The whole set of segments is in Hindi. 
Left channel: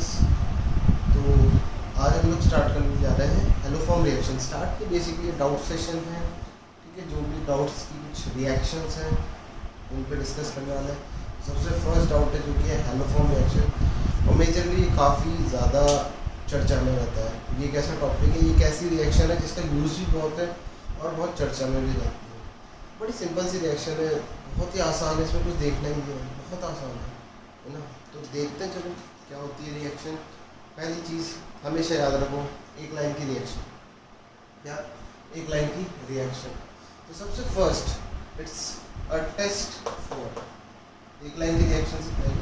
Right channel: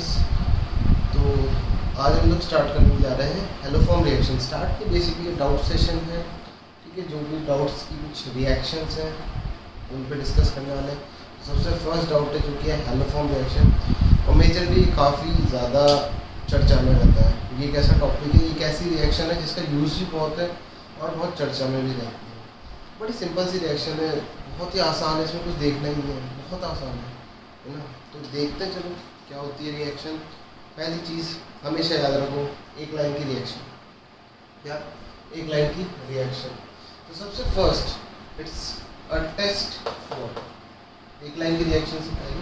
स्टूडेंट्स, तो आज हम लोग स्टार्ट करने जा रहे हैं हेलोफॉर्म रिएक्शन। स्टार्ट के बेसिकली डाउट सेशन है, ठीक है। जो भी डाउट्स की कुछ रिएक्शंस हैं उन पर डिस्कस करने वाले हैं। सबसे फर्स्ट डाउट है जो कि है हेलोफॉर्म रिएक्शन, और मेजरली काफ़ी ज़्यादा चर्चा में रहता है। ये एक ऐसा टॉपिक है, एक ऐसी रिएक्शन है जिसका यूज़ भी बहुत है और बहुत चर्चा में भी रहती है। बड़ी सिंपल सी रिएक्शन है, बहुत ही आसान है, इसमें कुछ देखना ही नहीं है, बहुत आसान है ना। तो देखते हैं चलो क्या होती है रिएक्शन। पहली चीज़ हमेशा याद रखो, एक लाइन की रिएक्शन, क्या एक लाइन की रिएक्शन। तो सबसे first it's a test for, एक लाइन की रिएक्शन से पहले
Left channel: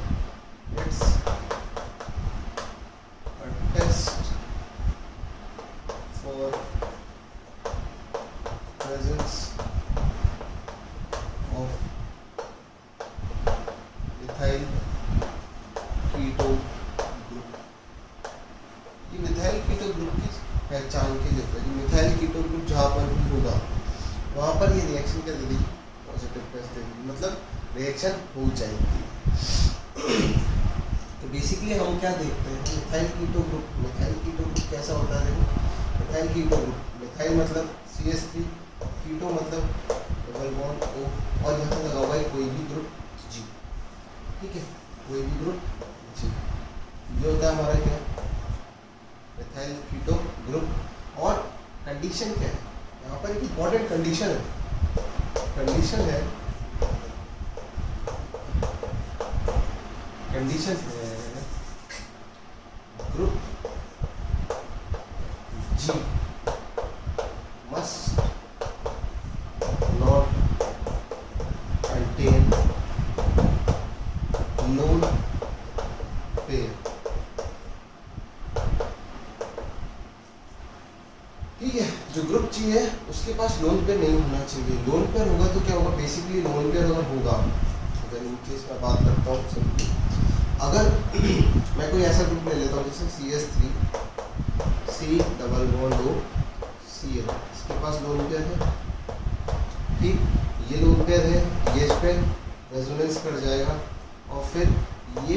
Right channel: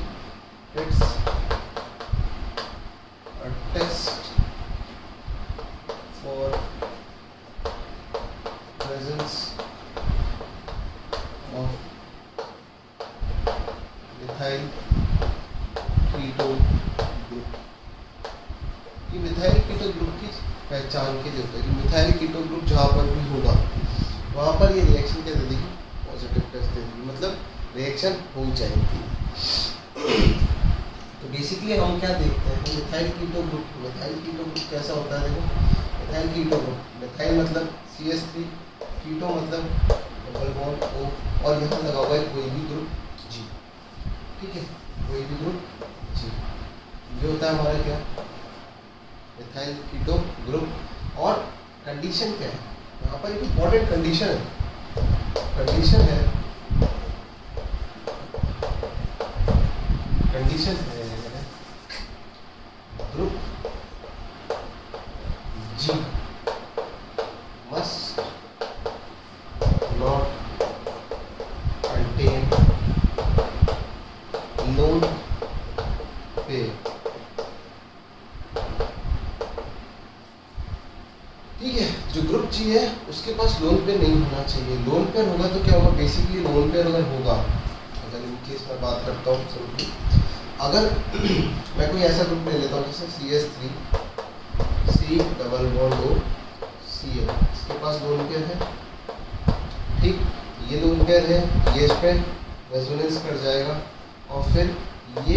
it's a test for presence of methyl keto group. ये मिथाइल कीटो ग्रुप की पहचान के लिए होता है कि मिथाइल कीटो ग्रुप जहाँ पर भी होगा वहाँ पर ये रिएक्शन क्या दे देगी, पॉजिटिव टेस्ट दे देगी, मतलब रिएक्शन हो जाएगी। तो बेसिकली हम क्या देखते हैं, methyl keto group, methyl keto group कैसा होता है। देखो मिथाइल कीटो ग्रुप, मिथाइल मतलब CH3, कीटो मतलब डबल बॉन्ड O, और यहाँ लगा हुआ है कोई भी ग्रुप G, ठीक है, कोई भी ग्रुप G। ये होता है हमारा क्या, मिथाइल कीटो ग्रुप। और कंडीशन क्या है यहाँ पर, एक इम्पॉर्टेंट कंडीशन है, कंडीशन है group G must not contain lone pair, ठीक है। जो ग्रुप G है उसके पास लोन पेयर नहीं होना चाहिए। लोन पेयर होगा तो क्या होगा, बेसिकली लोन पेयर अगर होगा, अगर इन केस मैं बात करता हूँ सिंपली, अगर मैं कोई ऐसा ग्रुप ले लेता हूँ जैसे CH3 C double bond O Cl, इसके पास लोन पेयर है, ठीक, ये लोन पेयर है, ये इस पर रेजोनेंस कर जाएगा और फिर ये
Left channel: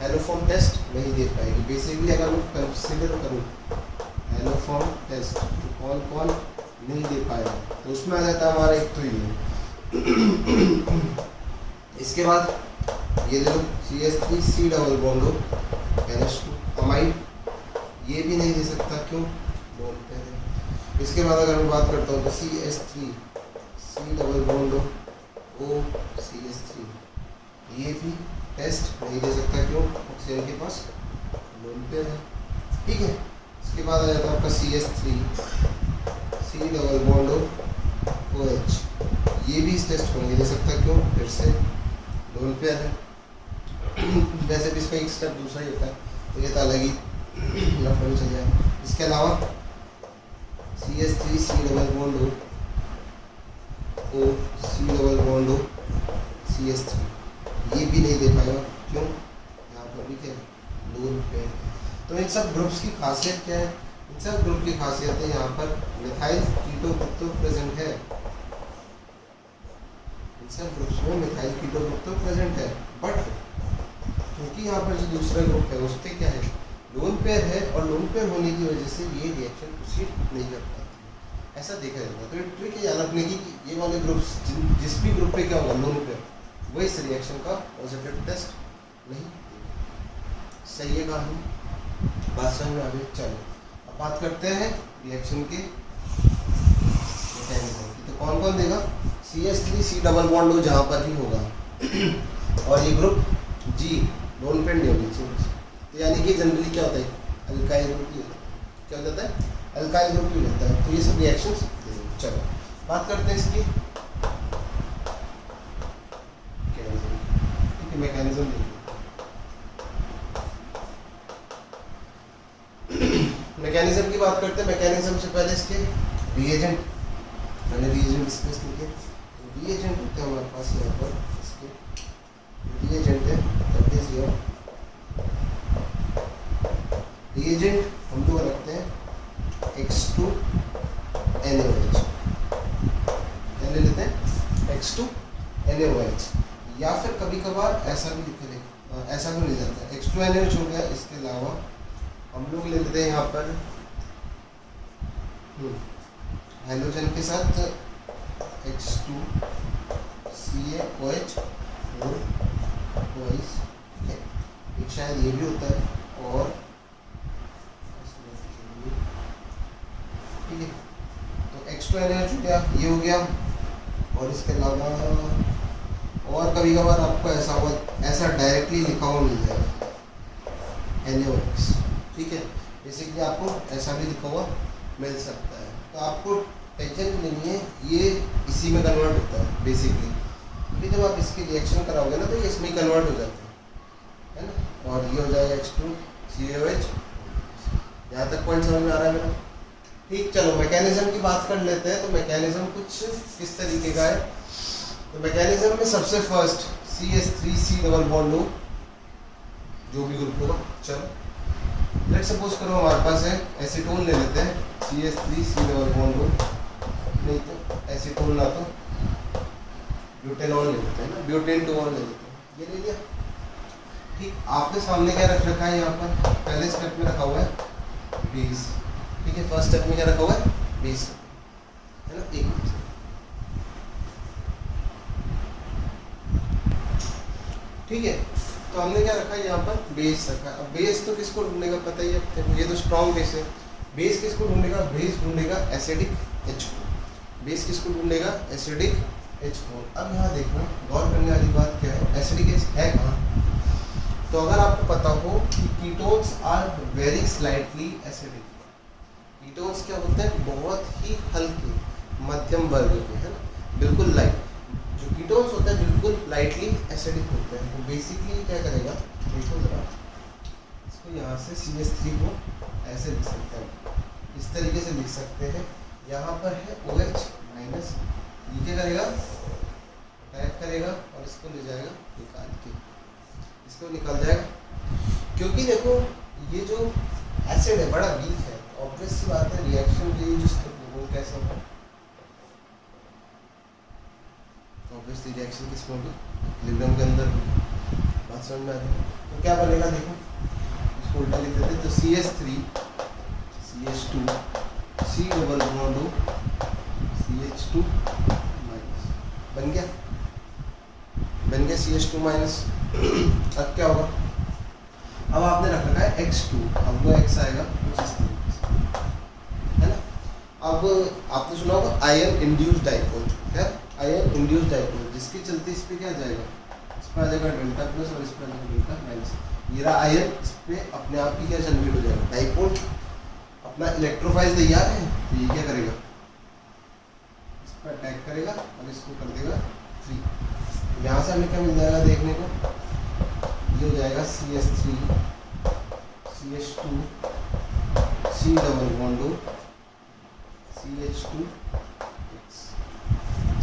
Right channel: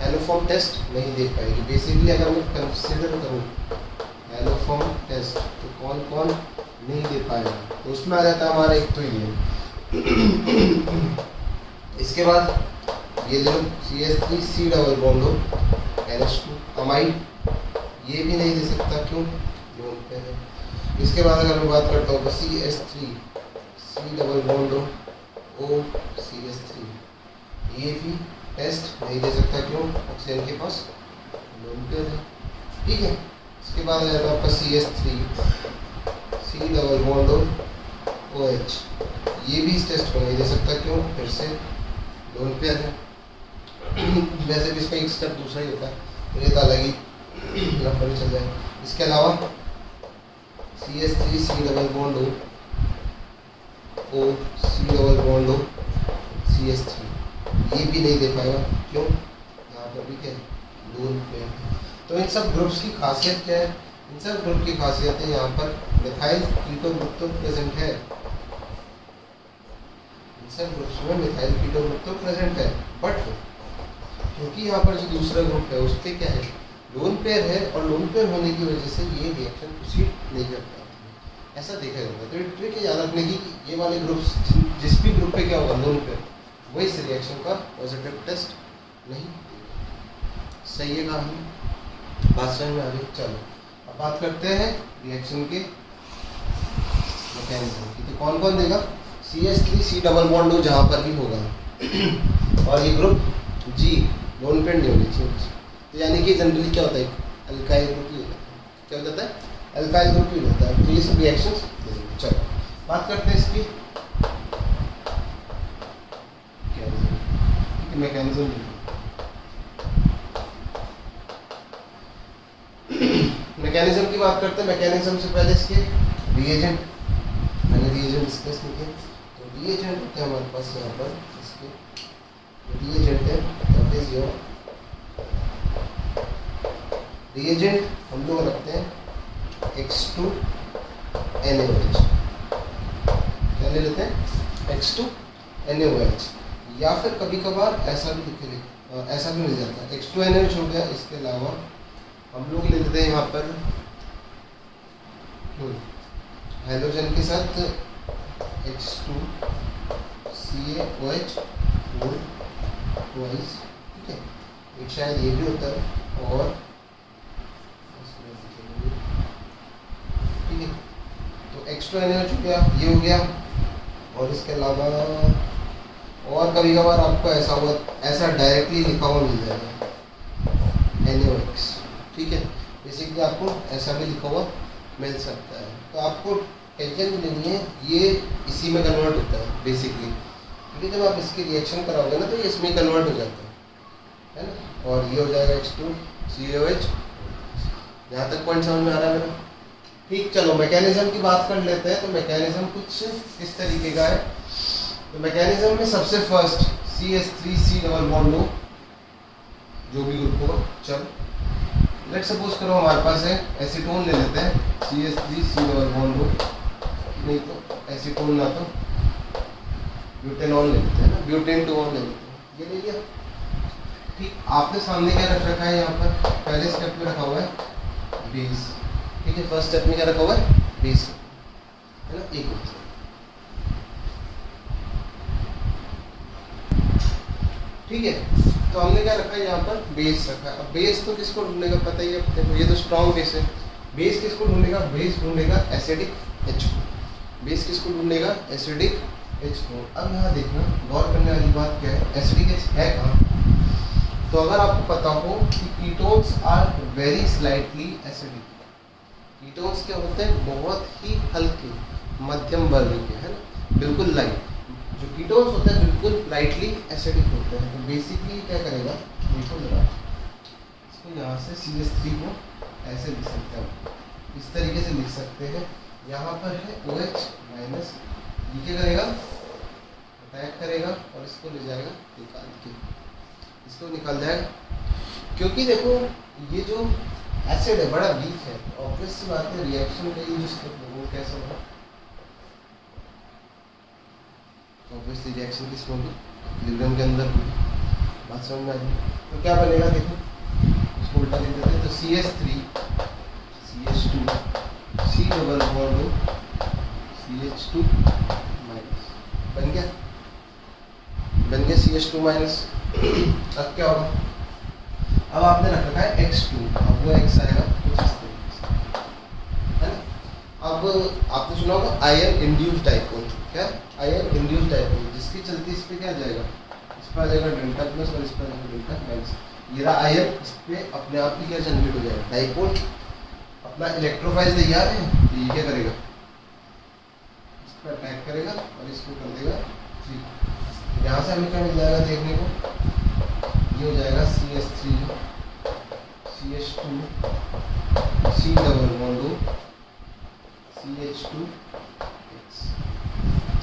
हेलोफॉर्म टेस्ट नहीं दे पाएगी। बेसिकली अगर मैं कंसिडर करूँ हेलोफॉर्म टेस्ट तो कौन कौन नहीं दे पाएगा, तो उसमें आ जाता है हमारा एक तो ये। इसके बाद ये जो CH3 C डबल बॉन्ड हो NH2 अमाइड, ये भी नहीं दे सकता, क्यों, लोन पे है। इसके बाद अगर मैं बात करता हूँ तो CH3 C डबल बॉन्ड हो O CH3, ये भी टेस्ट नहीं दे सकता, क्यों, ऑक्सीजन के पास लोन पेयर है, ठीक है। इसके बाद आ जाता है आपका CH3 C डबल बॉन्ड हो OH, ये भी इस टेस्ट को नहीं दे सकता, क्यों, फिर से लोन पेयर है। वैसे भी इसका एक स्टेप दूसरा ही होता है, तो ये तो अलग ही लफड़े चल जाए। इसके अलावा CH3 C डबल बॉन्ड हो O C डबल बॉन्ड हो CH3, ये भी नहीं दे पाएगा, क्यों, यहाँ पर भी क्या है, लोन पेयर है। तो इन सब ग्रुप्स की खासियत क्या है, इन सब ग्रुप की खासियत है, यहाँ पर मिथाइल कीटो ग्रुप तो प्रेजेंट है, इन सब ग्रुप्स में मिथाइल कीटो ग्रुप तो प्रेजेंट है, बट क्योंकि यहाँ पर जो दूसरा ग्रुप है उसके क्या है, लोन पेयर है, और लोन पेयर होने की वजह से ये रिएक्शन प्रोसीड नहीं कर पाती है, ऐसा देखा जाता है। तो ये ट्रिक याद रखने की कि ये वाले ग्रुप्स जिस भी ग्रुप पे क्या होगा, लोन पेयर, वो इस रिएक्शन का पॉजिटिव टेस्ट नहीं देगा। सही है कहानी, बात समझ में आ गई। चलो अब बात करते हैं रिएक्शन के मैकेनिज्म की। तो कौन कौन देगा, CH3 C डबल बॉन्ड हो जहाँ पर भी होगा, और ये ग्रुप G लोन पेयर नहीं होनी चाहिए। तो यानी कि जनरली क्या होता है, अल्काइल ग्रुप ही होता है, क्या होता है, अल्काइल ग्रुप ही होता है। तो ये सब रिएक्शंस देंगे। चलो बात करते हैं इसकी मैकेनिज्म। मैकेनिज्म की बात करते हैं। मैकेनिज्म से पहले इसके रिएजेंट, मैंने रिएजेंट डिस्कस किए थे। तो रिएजेंट होते हैं हमारे पास यहाँ पर, इसके रिएजेंट है, दैट इज योर रिएजेंट हम लोग रखते हैं X2NaOH, क्या ले लेते हैं, X2NaOH। या फिर कभी कभार ऐसा भी ऐसा भी मिल जाता है। H2NH हो गया। इसके अलावा हम लोग ले लेते हैं यहाँ पर हाइड्रोजन के साथ H2CaOH 4 ट्वाइस, ठीक है। एक शायद ये भी होता है और ठीक है। तो H2NH हो गया, ये हो गया। और इसके अलावा और कभी कभार आपको ऐसा डायरेक्टली लिखा हुआ मिल जाएगा NaOH, ठीक है। बेसिकली आपको ऐसा भी लिखा हुआ मिल सकता है। तो आपको टेंशन लेनी है, ये इसी में कन्वर्ट होता है बेसिकली, क्योंकि जब आप इसकी रिएक्शन कराओगे ना तो ये इसमें कन्वर्ट हो जाता है ना। और ये हो जाएगा H2CaOH। यहाँ तक पॉइंट समझ में आ रहा है मेरा? ठीक, चलो मैकेनिज्म की बात कर लेते हैं। तो मैकेनिज्म कुछ इस तरीके का है। तो मैकेनिज्म में सबसे फर्स्ट CH3C डबल बॉन्ड हो, जो भी ग्रुप होगा। चलो लेट सपोज करो हमारे पास है एसीटोन ले लेते हैं, CH3C डबल बॉन्ड हो, नहीं तो एसीटोन ना तो ब्यूटेनॉल ले लेते हैं ना, ब्यूटेन टू ले लेते हैं। ये ले लिया, ठीक। आपके सामने क्या रख रखा है? यहाँ पर पहले स्टेप में रखा हुआ है बेस, ठीक है। फर्स्ट स्टेप में क्या रखा हुआ है? बेस, है ना, एक ग्रुप से। ठीक है, तो हमने क्या रखा है यहाँ पर? बेस रखा है। अब बेस तो किसको ढूंढेगा पता ही है, देखो ये तो स्ट्रॉन्ग बेस है। बेस किसको ढूंढेगा? बेस ढूंढेगा एसिडिक H को। बेस किसको ढूंढेगा? एसिडिक H को। अब यहाँ देखना, गौर करने वाली बात क्या है, एसिडिक H है कहाँ? तो अगर आपको पता हो कि ketones are very slightly acidic. Ketones क्या होते हैं? बहुत ही हल्के मध्यम वर्ग के, है ना, बिल्कुल लाइट। जो कीटोन्स होते हैं बिल्कुल लाइटली एसिडिक होते हैं। तो बेसिकली क्या करेगा, देखो जरा, इसको यहाँ से CH3 को ऐसे लिख सकते हैं, इस तरीके से लिख सकते हैं। यहाँ पर है OH माइनस, ये क्या करेगा? अटैक करेगा और इसको ले जाएगा निकाल के, इसको निकाल जाएगा। क्योंकि देखो ये जो एसिड है बड़ा वीक है, ऑब्वियस सी बात है रिएक्शन के लिए जो स्टेप है वो कैसा होगा? ऑब्वियसली रिएक्शन किस में होगी? इक्विलिब्रियम के अंदर होगी। बात समझ में आ रही? तो क्या बनेगा देखो, इसको उल्टा लिख देते हैं। तो CH3 CH2 C double bond CH2 minus बन गया, बन गया CH2 माइनस। अब क्या होगा? अब आपने रख रखा है X2, अब वो X आएगा कुछ इस तरीके से, है ना। अब आपने सुना होगा आयन इंड्यूस्ड डाइपोल, क्या? आयन इंड्यूस्ड डाइपोल, जिसकी चलती इस पे क्या जाएगा? इस पर आ जाएगा डेल्टा प्लस और इस पर आ जाएगा डेल्टा माइनस। ये रहा आयन, इस पे अपने आप ही क्या जनरेट हो जाएगा? डाइपोल। अपना इलेक्ट्रोफाइल तैयार है, तो ये क्या करेगा? इस पर अटैक करेगा और इसको कर देगा फ्री। यहाँ से हमें क्या मिल जाएगा देखने को? ये हो जाएगा CH3 CH2 C double bond CH2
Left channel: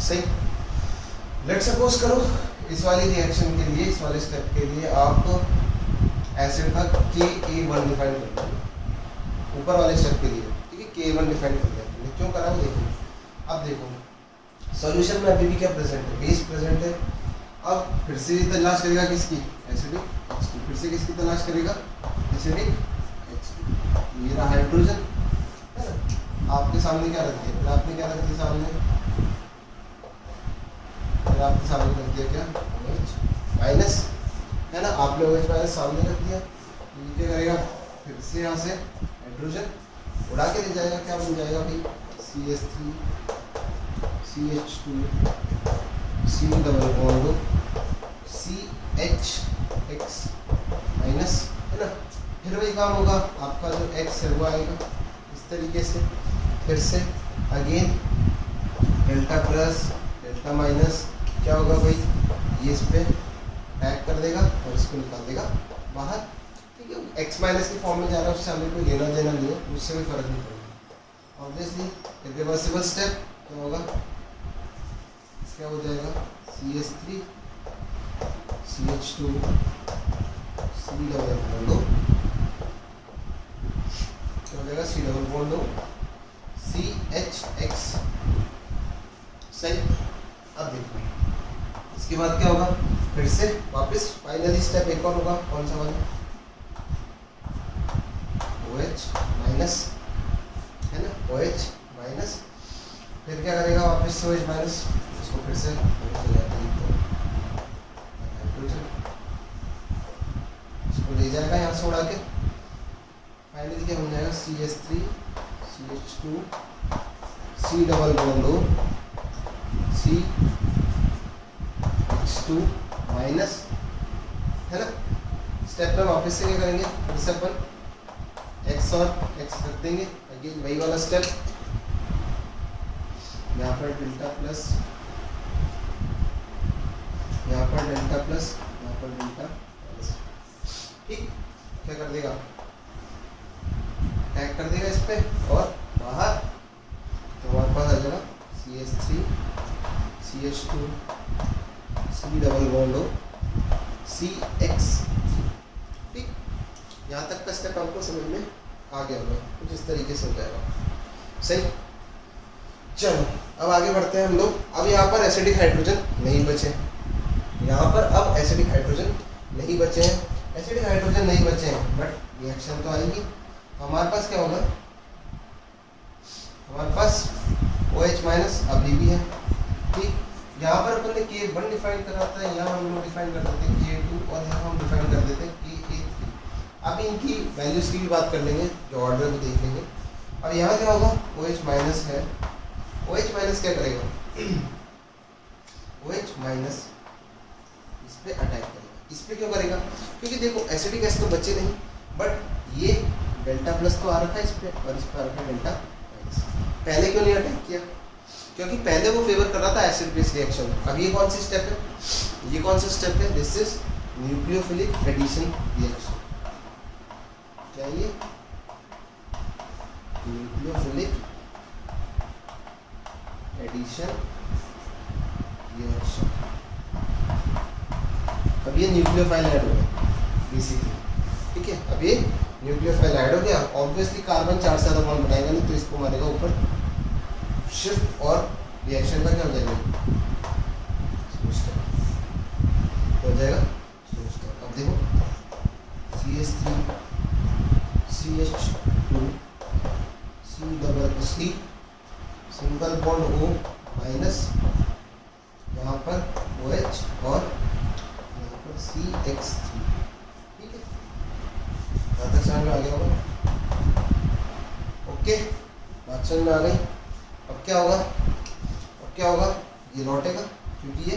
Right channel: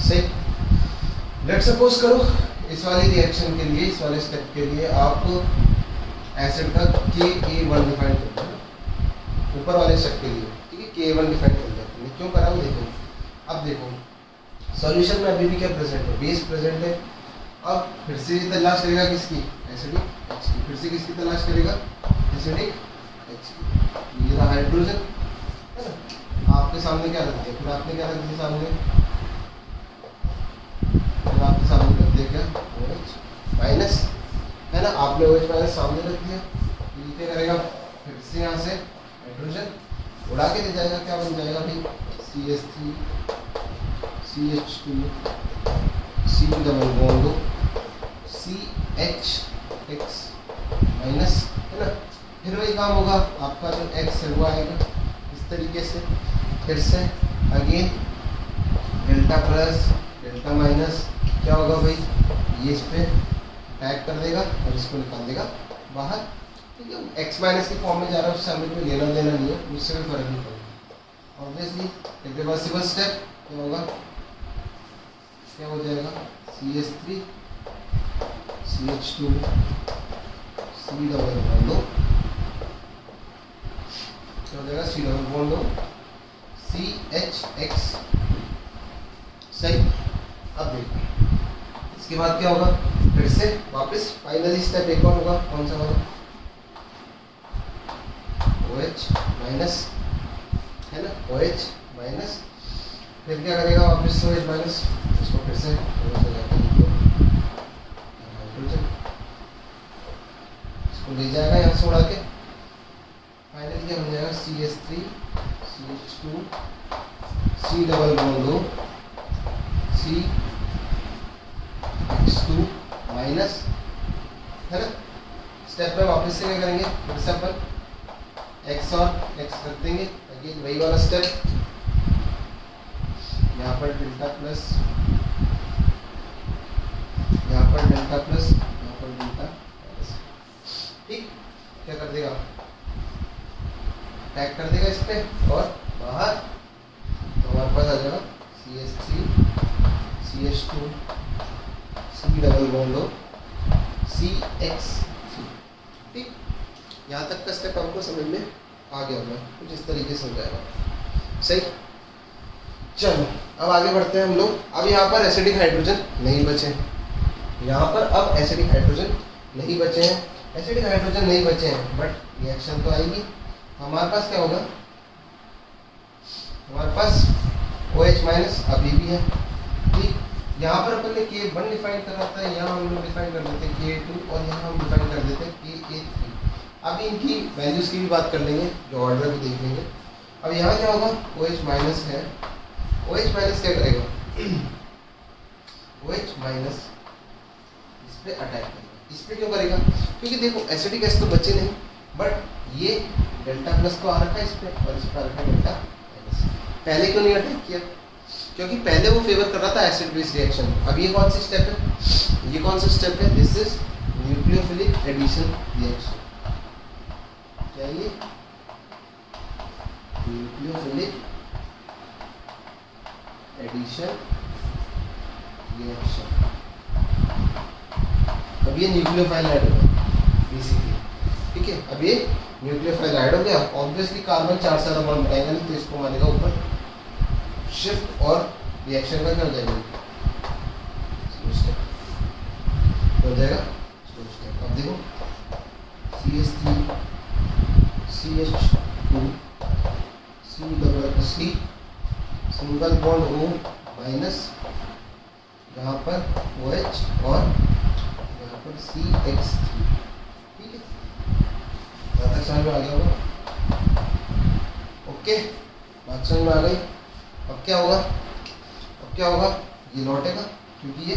सही। लेट सपोज करो इस वाली रिएक्शन के लिए, इस वाले स्टेप के लिए आप एसिड का Ka1 डिफाइन करते हैं ऊपर वाले स्टेप के लिए, ठीक है। Ka1 डिफाइन कर देते हैं, क्यों करा वो देखो। अब देखो सॉल्यूशन में अभी भी क्या प्रेजेंट है? बेस प्रेजेंट है। अब फिर से तलाश करेगा किसकी? एसिडिक H की। फिर से किसकी तलाश करेगा? एसिडिक H की। ये रहा हाइड्रोजन, है ना। आपके सामने क्या रख दिया? फिर आपने क्या रख दिया सामने? फिर आपके सामने रख दिया क्या? OH माइनस, है ना। आपने OH माइनस सामने रख दिया, ये क्या करेगा? फिर से यहाँ से हाइड्रोजन उड़ा के ले जाएगा। क्या बन जाएगा भाई? CH3 CH2 C double bond CHX minus, है ना। फिर वही काम होगा, आपका जो X है वो आएगा इस तरीके से। फिर से again delta plus delta minus, क्या होगा भाई? ये इस पे अटैक कर देगा और इसको निकाल देगा बाहर, ठीक है। X माइनस के फॉर्म में जा रहा है, उससे हमें कोई लेना देना नहीं है, उससे कोई फर्क नहीं पड़ेगा। ऑब्वियसली रिवर्सिबल स्टेप क्या होगा? क्या हो जाएगा? CH3 CH2 C double bond, क्या हो जाएगा? C डबल बॉन्ड CHX, सही। अब देखो इसके बाद क्या होगा, फिर से वापस फाइनली स्टेप एक और होगा, कौन सा वाला, OH माइनस, है ना, OH माइनस, फिर क्या करेगा वापस OH माइनस, इसको फिर से हाइड्रोजन, इसको ले जाएगा यहाँ से उड़ा के, फाइनली क्या बन जाएगा CH3 CH2 C double bond O CH2 minus, है ना। स्टेप में वापस से क्या करेंगे, फिर से अपन X और X रख देंगे, अगेन वही वाला स्टेप, यहाँ पर डेल्टा प्लस, यहाँ पर डेल्टा प्लस, यहाँ पर डेल्टा माइनस, ठीक। क्या कर देगा, टैग कर देगा इस पे और बाहर, तो हमारे पास आ जाएगा CH3 CH2 C double bond O CX3, ठीक। यहाँ तक का स्टेप हमको समझ में आ गया होगा, कुछ इस तरीके से हो जाएगा, सही। चलो अब आगे बढ़ते हैं हम लोग। अब यहाँ पर एसिडिक हाइड्रोजन नहीं बचे, यहाँ पर अब एसिडिक हाइड्रोजन नहीं बचे हैं, एसिडिक हाइड्रोजन नहीं बचे हैं, बट रिएक्शन तो आएगी। हमारे पास क्या होगा, हमारे पास OH माइनस अभी भी है, ठीक। यहाँ पर अपन ने K1 डिफाइन करा था, यहाँ हम लोग डिफाइन कर देते हैं K2 और यहाँ हम डिफाइन कर देते हैं Ka3। अभी इनकी वैल्यूज की भी बात कर लेंगे, जो ऑर्डर भी देख लेंगे। अब यहाँ क्या होगा, OH माइनस है, OH माइनस क्या करेगा, OH माइनस इस पे अटैक करेगा। इस पे क्यों करेगा, क्योंकि देखो एसिडिक एसिड तो बचे नहीं, बट ये डेल्टा प्लस तो आ रखा है इस पे और इस पे आ रखा है डेल्टा माइनस। पहले क्यों नहीं अटैक किया, क्योंकि पहले वो फेवर कर रहा था एसिड बेस रिएक्शन। अब ये कौन सी स्टेप है, ये कौन सा स्टेप है, this is nucleophilic addition reaction. क्या ये न्यूक्लियोफिलिक एडिशन रिएक्शन। अब ये न्यूक्लियोफाइल ऐड हो गया बेसिकली, ठीक है। अब ये न्यूक्लियोफाइल ऐड हो गया, ऑब्वियसली कार्बन चार से ज़्यादा बॉन्ड बनाएगा नहीं, तो इसको मारेगा ऊपर शिफ्ट और रिएक्शन का क्या हो जाएगा, हो जाएगा। अब देखो CH3 CH2 C double C single bond O minus, यहाँ पर OH और यहाँ पर CX3, ठीक है। यहाँ तक समझ में आ गया होगा, ओके, बात समझ में आ गई। अब क्या होगा, अब क्या होगा, ये लौटेगा क्योंकि ये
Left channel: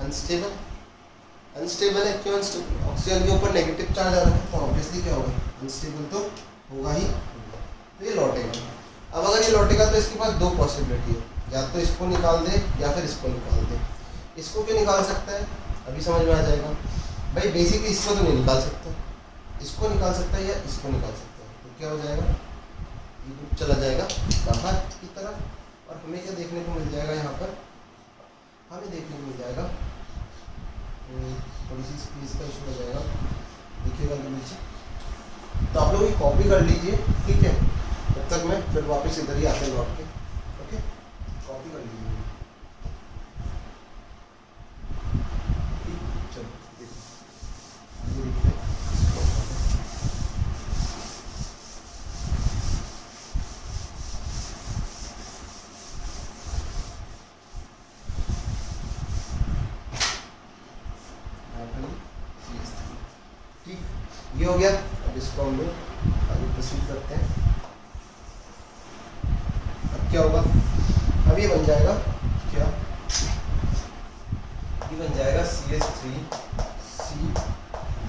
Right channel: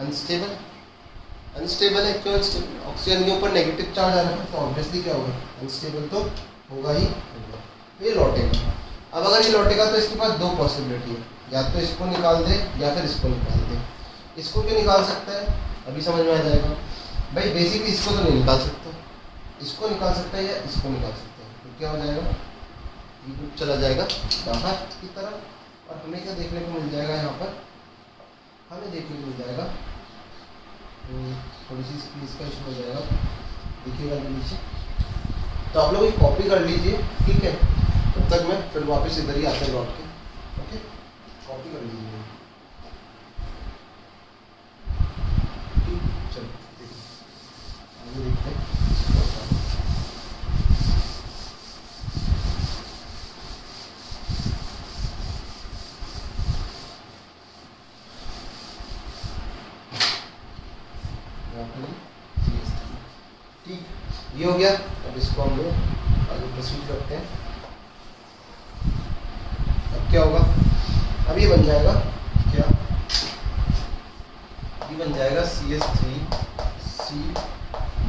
अनस्टेबल, अनस्टेबल है। क्यों अनस्टेबल, ऑक्सीजन के ऊपर नेगेटिव चार्ज आ रहा है, तो ऑब्वियसली क्या होगा, अनस्टेबल तो होगा ही होगा, तो ये लौटेगा। अब अगर ये लौटेगा तो इसके पास दो पॉसिबिलिटी है, या तो इसको निकाल दे या फिर इसको निकाल दे। इसको क्यों निकाल सकता है, अभी समझ में आ जाएगा भाई। बेसिकली इसको तो नहीं निकाल सकता, इसको निकाल सकता है या इसको निकाल सकता है, तो क्या हो जाएगा, ये ग्रुप चला जाएगा बाहर की तरफ, और हमें क्या देखने को मिल जाएगा, यहाँ पर हमें देखने को मिल जाएगा, थोड़ी सी स्पेस का इशू हो जाएगा, देखिएगा नीचे। तो आप लोग ये कॉपी कर लीजिए, ठीक है। तब तक मैं फिर वापस इधर ही आते लौट के, ओके, कॉपी कर लीजिए। चलो आगे देखते हैं। ठीक, ये हो गया। अब इसको हम लोग आगे प्रोसीड करते हैं। अब क्या होगा, अब ये बन जाएगा क्या, ये बन जाएगा CH3 C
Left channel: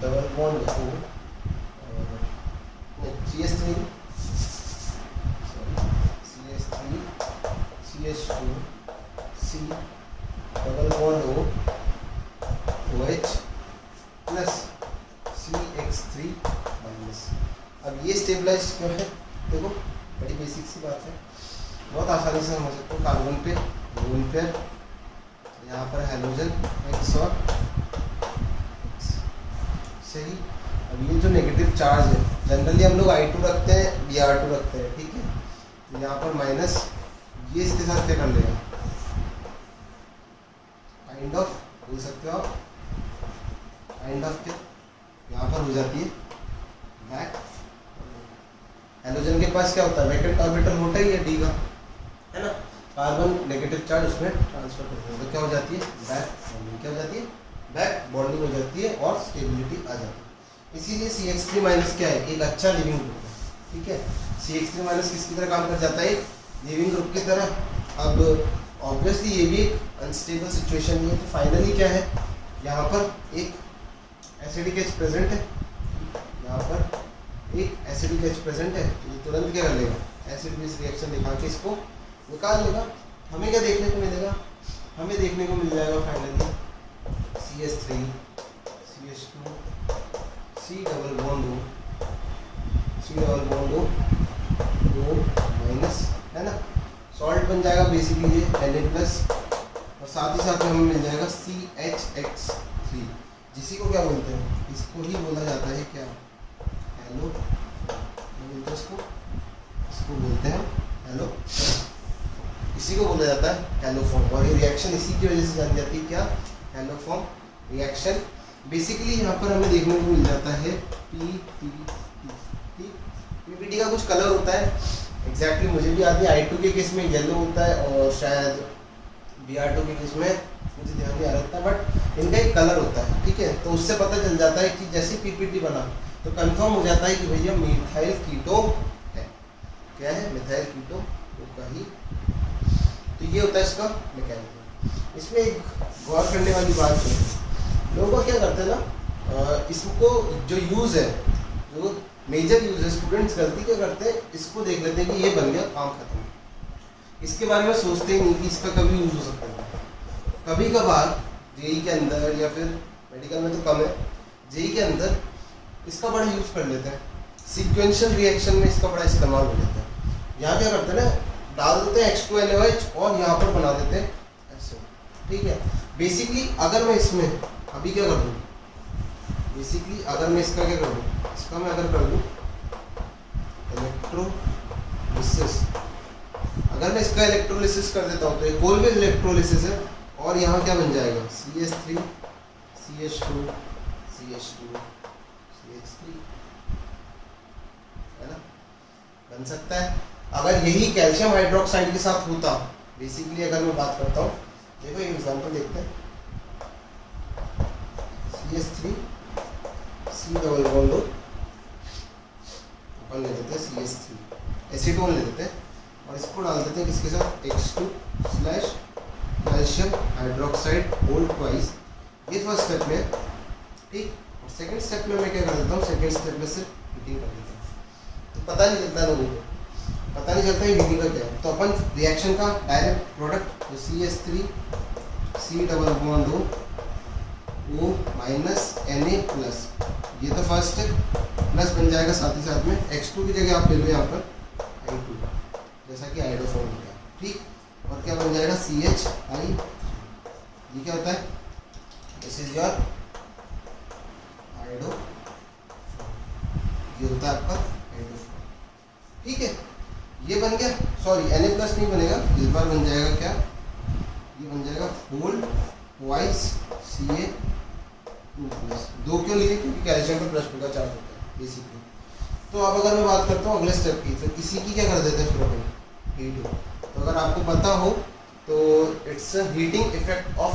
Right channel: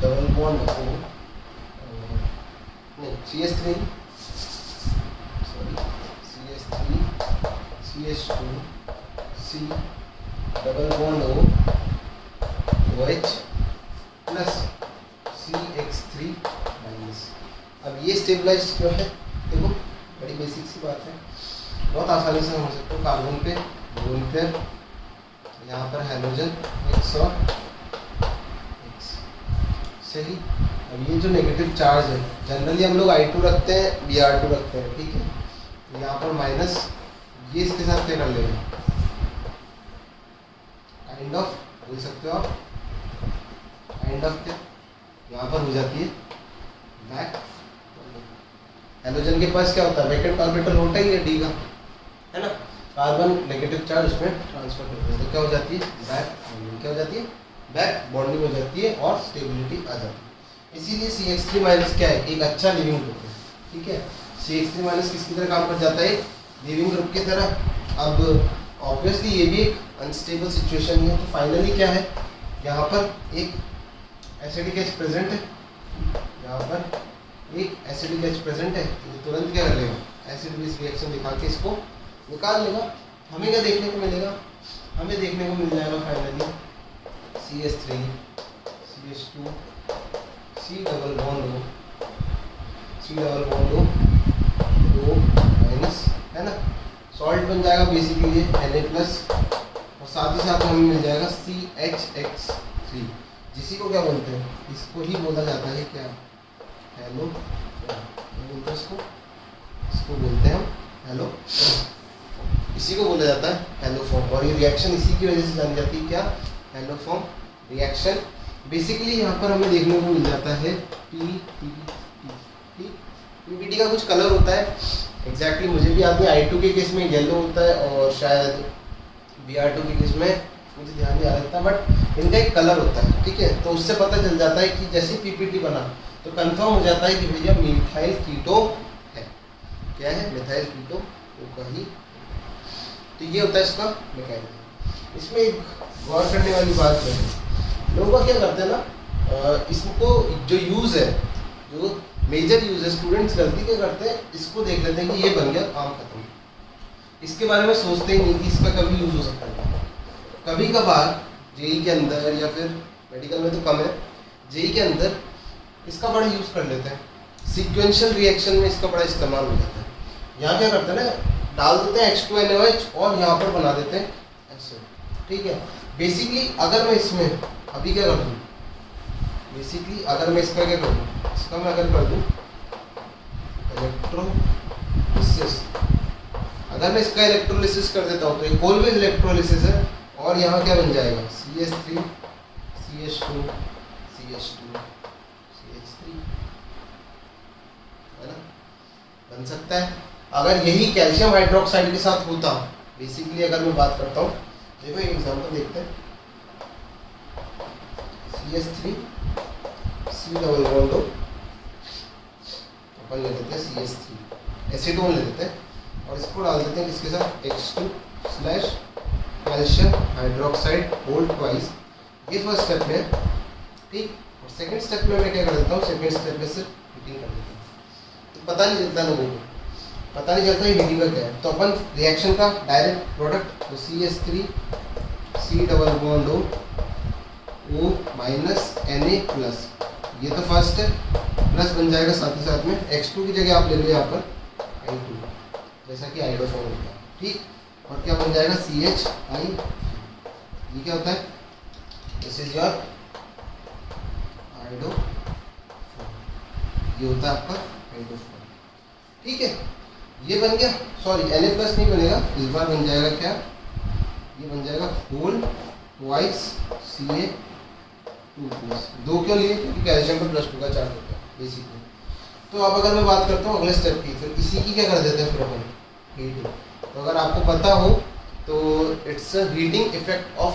double bond O, नहीं CH3 sorry CH3 CH2 C double bond O OH plus CX3 minus. अब ये स्टेबलाइज क्यों है, देखो बड़ी बेसिक सी बात है, बहुत आसानी से हो सकता है। कार्बन पे लोन पे, यहाँ पर हाइड्रोजन X और X, सही। अब ये जो नेगेटिव चार्ज है, जनरली हम लोग I2 रखते हैं, Br2 रखते हैं, ठीक है। तो यहाँ पर माइनस, ये इसके साथ क्या कर लेगा, काइंड ऑफ बोल सकते हो आप, काइंड ऑफ थे, यहाँ पर हो जाती है बैक। हेलोजन के पास क्या होता है, वैकेंट ऑर्बिटल होता ही है डी का, है ना, कार्बन नेगेटिव चार्ज उसमें ट्रांसफर करते हैं, तो क्या हो जाती है बैक बॉन्डिंग, क्या हो जाती है बैक बॉन्डिंग हो जाती है और स्टेबिलिटी आ जाती है। इसीलिए CH3 माइनस क्या है, एक अच्छा लिविंग ग्रुप है, ठीक है। CH3 माइनस किसकी तरह काम कर जाता है, लिविंग ग्रुप की तरह। अब ऑब्वियसली ये भी एक अनस्टेबल सिचुएशन है, तो फाइनली क्या है, यहाँ पर एक एसिडिक एच प्रेजेंट है, यहाँ पर एक एसिडिक एच प्रेजेंट है, तो तुरंत क्या कर लेगा, एसिड बेस रिएक्शन दिखा के इसको निकाल लेगा। हमें क्या देखने को मिलेगा, हमें देखने को मिल जाएगा finally CH3 CH2 C double bond O minus, है ना, सॉल्ट बन जाएगा बेसिकली ये Na+, और साथ ही साथ में हमें मिल जाएगा CHX3, जिसी को क्या बोलते हैं, इसको ही बोला जाता है क्या, हेलो, क्या बोलते हैं इसको बोलते हैं हेलो, इसी को बोला जाता है हेलोफॉर्म। और ये रिएक्शन इसी की वजह से जानी जाती है क्या, हेलोफॉर्म रिएक्शन। बेसिकली यहाँ पर हमें देखने को मिल जाता है PPT का कुछ कलर होता है, एग्जैक्टली मुझे भी याद है, I2 के केस में येलो होता है और शायद Br2 के केस में मुझे ध्यान नहीं आ रहा था, बट इनका एक कलर होता है, ठीक है। तो उससे पता चल जाता है कि जैसे PPT बना तो कंफर्म हो जाता है कि भैया मिथाइल कीटो है, क्या है, मिथाइल कीटो वो कहीं, ठीक है, होता है इसका मैकेनिज्म। इसमें एक गौर करने वाली बात है, लोग क्या करते हैं ना, इसको जो यूज़ है, जो मेजर यूज़ है, स्टूडेंट्स गलती क्या करते हैं, इसको देख लेते हैं कि ये बन गया, काम खत्म, इसके बारे में सोचते ही नहीं कि इसका कभी यूज़ हो सकता है। कभी कभार जेई के अंदर या फिर मेडिकल में तो कम है, जेई के अंदर इसका बड़ा यूज़ कर लेते हैं, सीक्वेंशियल रिएक्शन में इसका बड़ा इस्तेमाल हो जाता है। यहाँ क्या करते हैं ना, डाल देते हैं H2NaOH और यहाँ पर बना देते हैं ऐसे, ठीक है। बेसिकली अगर मैं इसमें अभी क्या कर दूँ, बेसिकली अगर मैं इसका क्या कर दूँ, इसका मैं अगर कर दूँ इलेक्ट्रोलिसिस, अगर मैं इसका इलेक्ट्रोलिसिस कर देता हूँ तो एक ऑलवेज इलेक्ट्रोलिसिस है, और यहाँ क्या बन जाएगा CH3 CH2 CH2 CH3, है ना, बन सकता है। अगर यही कैल्शियम हाइड्रोक्साइड के साथ होता, बेसिकली अगर मैं बात करता हूँ, देखो एक एग्जांपल देखते हैं, CH3 C डबल बॉन्ड अपन ले लेते हैं CH3 एसीटोन ले लेते हैं और इसको डाल देते हैं किसके साथ, H2 calcium hydroxide whole twice, ये फर्स्ट स्टेप में, ठीक। और सेकंड स्टेप में मैं क्या कर देता हूँ, सेकंड स्टेप में सिर्फ हीटिंग कर देता हूँ, तो पता नहीं चलता लोगों को, पता नहीं चलता ये हीटिंग का क्या है। तो अपन रिएक्शन का डायरेक्ट प्रोडक्ट, तो CH3 C double bond O minus Na+, ये तो फर्स्ट है, प्लस बन जाएगा साथ ही साथ में X2 की जगह आप ले लो यहाँ पर I2, जैसा कि आइडोफॉर्म होता है, ठीक। और क्या बन जाएगा CHI, ये क्या होता है, दिस इज योर आइडोफॉर्म, ये होता है आपका आइडोफॉर्म, ठीक है। ये बन गया, सॉरी Na+ नहीं बनेगा, इस बार बन जाएगा क्या, ये बन जाएगा होल ट्वाइस Ca2+, दो क्यों लिए, क्योंकि कैल्शियम पर +2 का चार्ज होता है बेसिकली। तो अब अगर मैं बात करता हूँ अगले स्टेप की, तो इसी की क्या कर देते हैं फिर अपन, हीटिंग। तो अगर आपको पता हो तो it's a heating effect of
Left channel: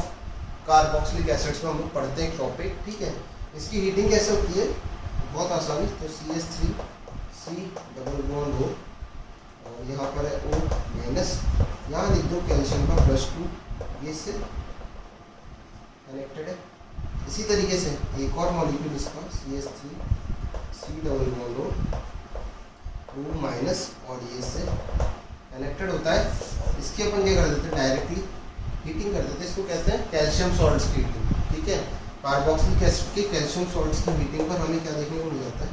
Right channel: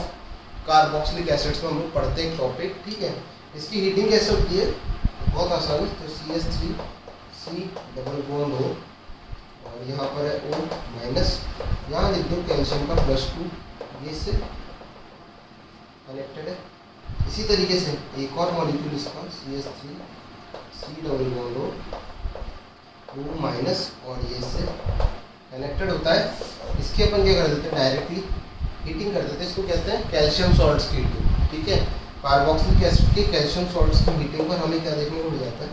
carboxylic acids में हम लोग पढ़ते हैं टॉपिक, ठीक है। इसकी हीटिंग कैसे होती है, बहुत आसानी, तो CH3 C double bond O और यहाँ पर है O माइनस, यहाँ लिख दो कैल्शियम का +2, ये से कनेक्टेड है। इसी तरीके से एक और मॉलिक्यूल इसका CH3 C double bond O minus और ये से कनेक्टेड होता है। इसके अपन क्या कर देते हैं, डायरेक्टली हीटिंग कर देते हैं, इसको कहते हैं कैल्शियम सॉल्ट्स की हीटिंग, ठीक है। कार्बोक्सिलिक एसिड के कैल्शियम सॉल्ट्स की हीटिंग पर हमें क्या देखने को मिल जाता है,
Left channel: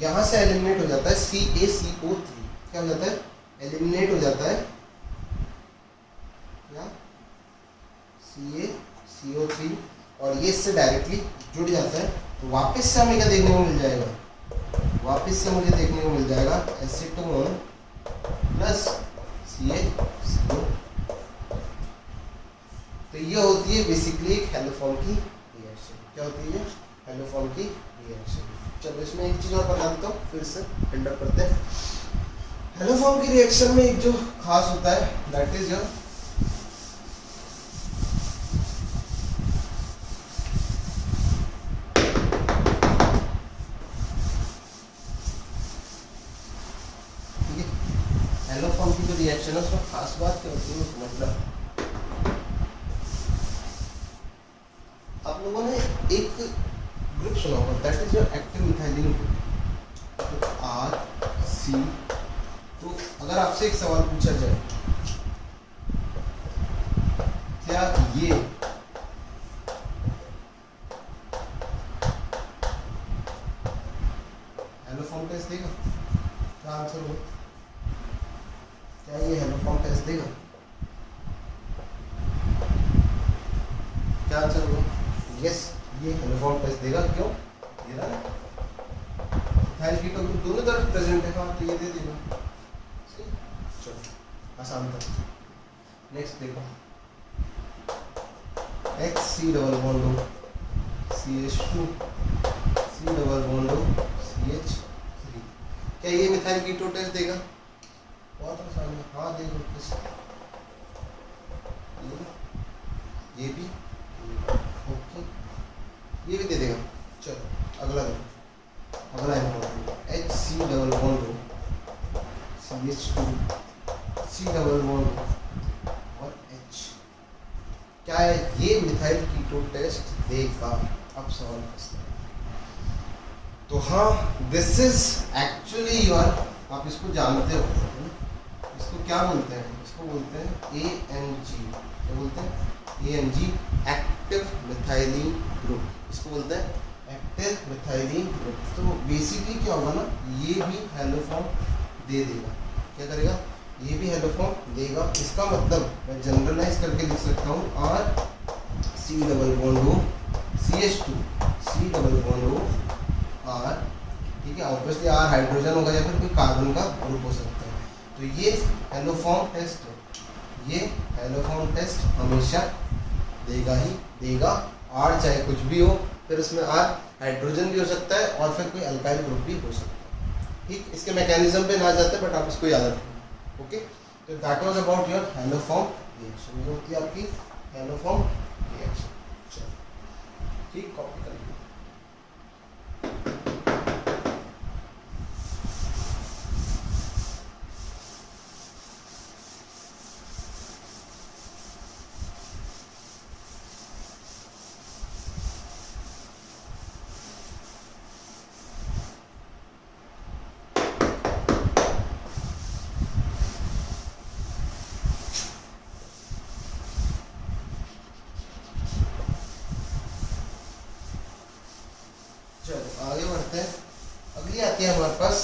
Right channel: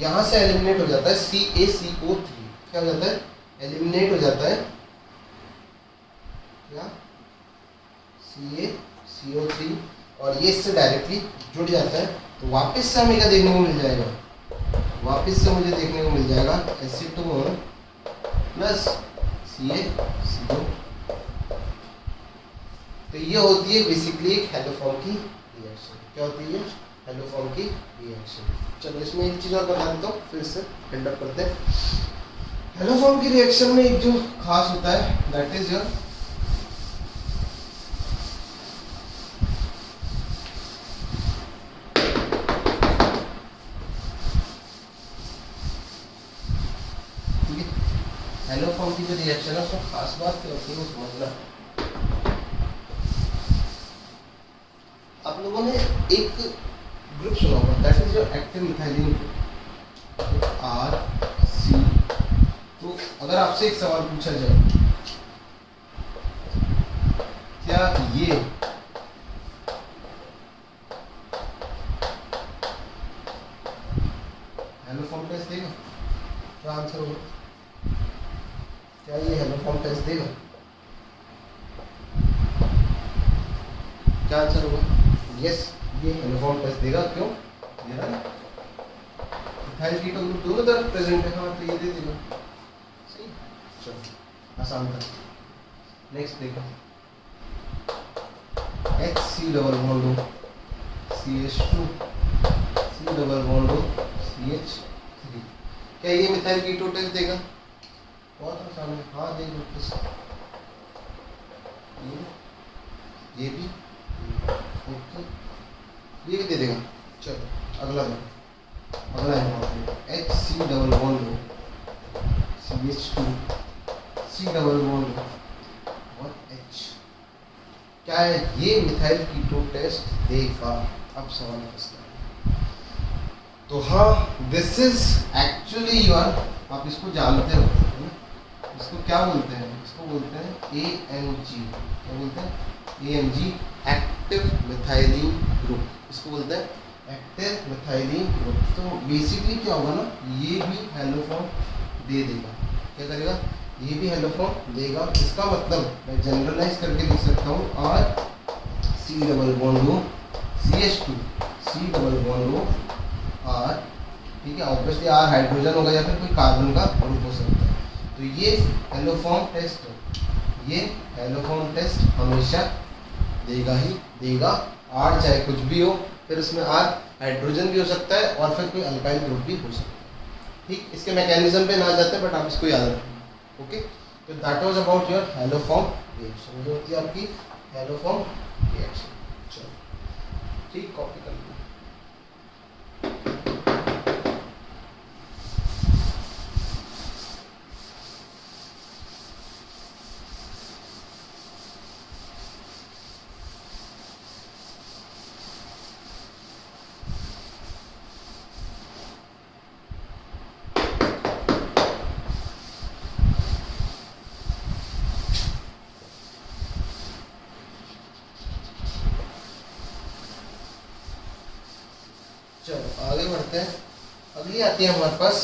यहाँ से एलिमिनेट हो जाता है CaCO3, क्या हो जाता है, एलिमिनेट हो जाता है क्या, CaCO3, और ये इससे डायरेक्टली जुड़ जाता है। तो वापस से हमें क्या देखने को मिल जाएगा, वापस से मुझे देखने को मिल जाएगा एसीटोन प्लस CaCO, तो ये होती है बेसिकली एक हेलोफॉर्म की रिएक्शन। क्या होती है? हेलोफॉर्म की रिएक्शन। चलो इसमें एक चीज़ और बता देता हूँ, फिर से बिल्डअप करते हैं। हेलोफॉर्म की रिएक्शन में एक जो खास होता है दैट इज योर हेलोफॉर्म की जो रिएक्शन है उसमें खास बात क्या होती है वो समझना। आप लोगों ने एक ग्रुप सुना होगा that is your active methylene group R C. तो अगर आपसे एक सवाल पूछा जाए, क्या ये हेलोफॉर्म टेस्ट देगा? क्या आंसर होगा? क्या ये हेलोफॉर्म टेस्ट देगा? क्या आंसर होगा? यस, ये हेलोफॉर्म टेस्ट देगा। क्यों? ये रहा मिथाइल कीटो ग्रुप दोनों तरफ प्रेजेंट है। हाँ, तो ये दे देगा। चलो आसान था। नेक्स्ट देखो, HC डबल बॉन्ड हो CH2 C डबल बॉन्ड हो CH3। क्या ये मिथाइल कीटो टेस्ट देगा? बहुत आसान है। हाँ देगा टेस्ट। ये भी ओके, ये भी दे देगा। चलो अगला देखो, अगला है HC डबल बॉन्ड हो CH2 C डबल बॉन्ड और H। क्या है ये मिथाइल कीटो टेस्ट देगा? अब सवाल फंसता है। तो हाँ, दिस इज एक्चुअली योर, आप इसको जानते हो, इसको क्या बोलते हैं? इसको बोलते हैं AMG। क्या बोलते हैं? AMG, active methylene group. इसको बोलते हैं एक्टिव मिथाइलिन ग्रुप। तो बेसिकली क्या होगा ना, ये भी हेलोफॉर्म दे देगा। क्या करेगा? ये भी हेलोफॉर्म देगा। इसका मतलब मैं जनरलाइज करके लिख सकता हूँ R C डबल बॉन्ड हो CH2 C डबल बॉन्ड हो R। ठीक है, ऑब्वियसली R हाइड्रोजन होगा या फिर कोई कार्बन का ग्रुप हो सकता है। तो ये हेलोफॉर्म टेस्ट है, ये हेलोफॉर्म टेस्ट हमेशा देगा ही देगा। R चाहे कुछ भी हो, फिर उसमें R हाइड्रोजन भी हो सकता है और फिर कोई अल्काइल ग्रुप भी हो सकता है। ठीक, इसके मैकेनिज्म पे ना जाते बट आप इसको याद रखें। ओके, तो that was about your haloform reaction. जो होती है आपकी हेलोफॉर्म रिएक्शन। चलो ठीक, कॉपी कर लीजिए। चलो आगे बढ़ते हैं। अगली आती है हमारे पास,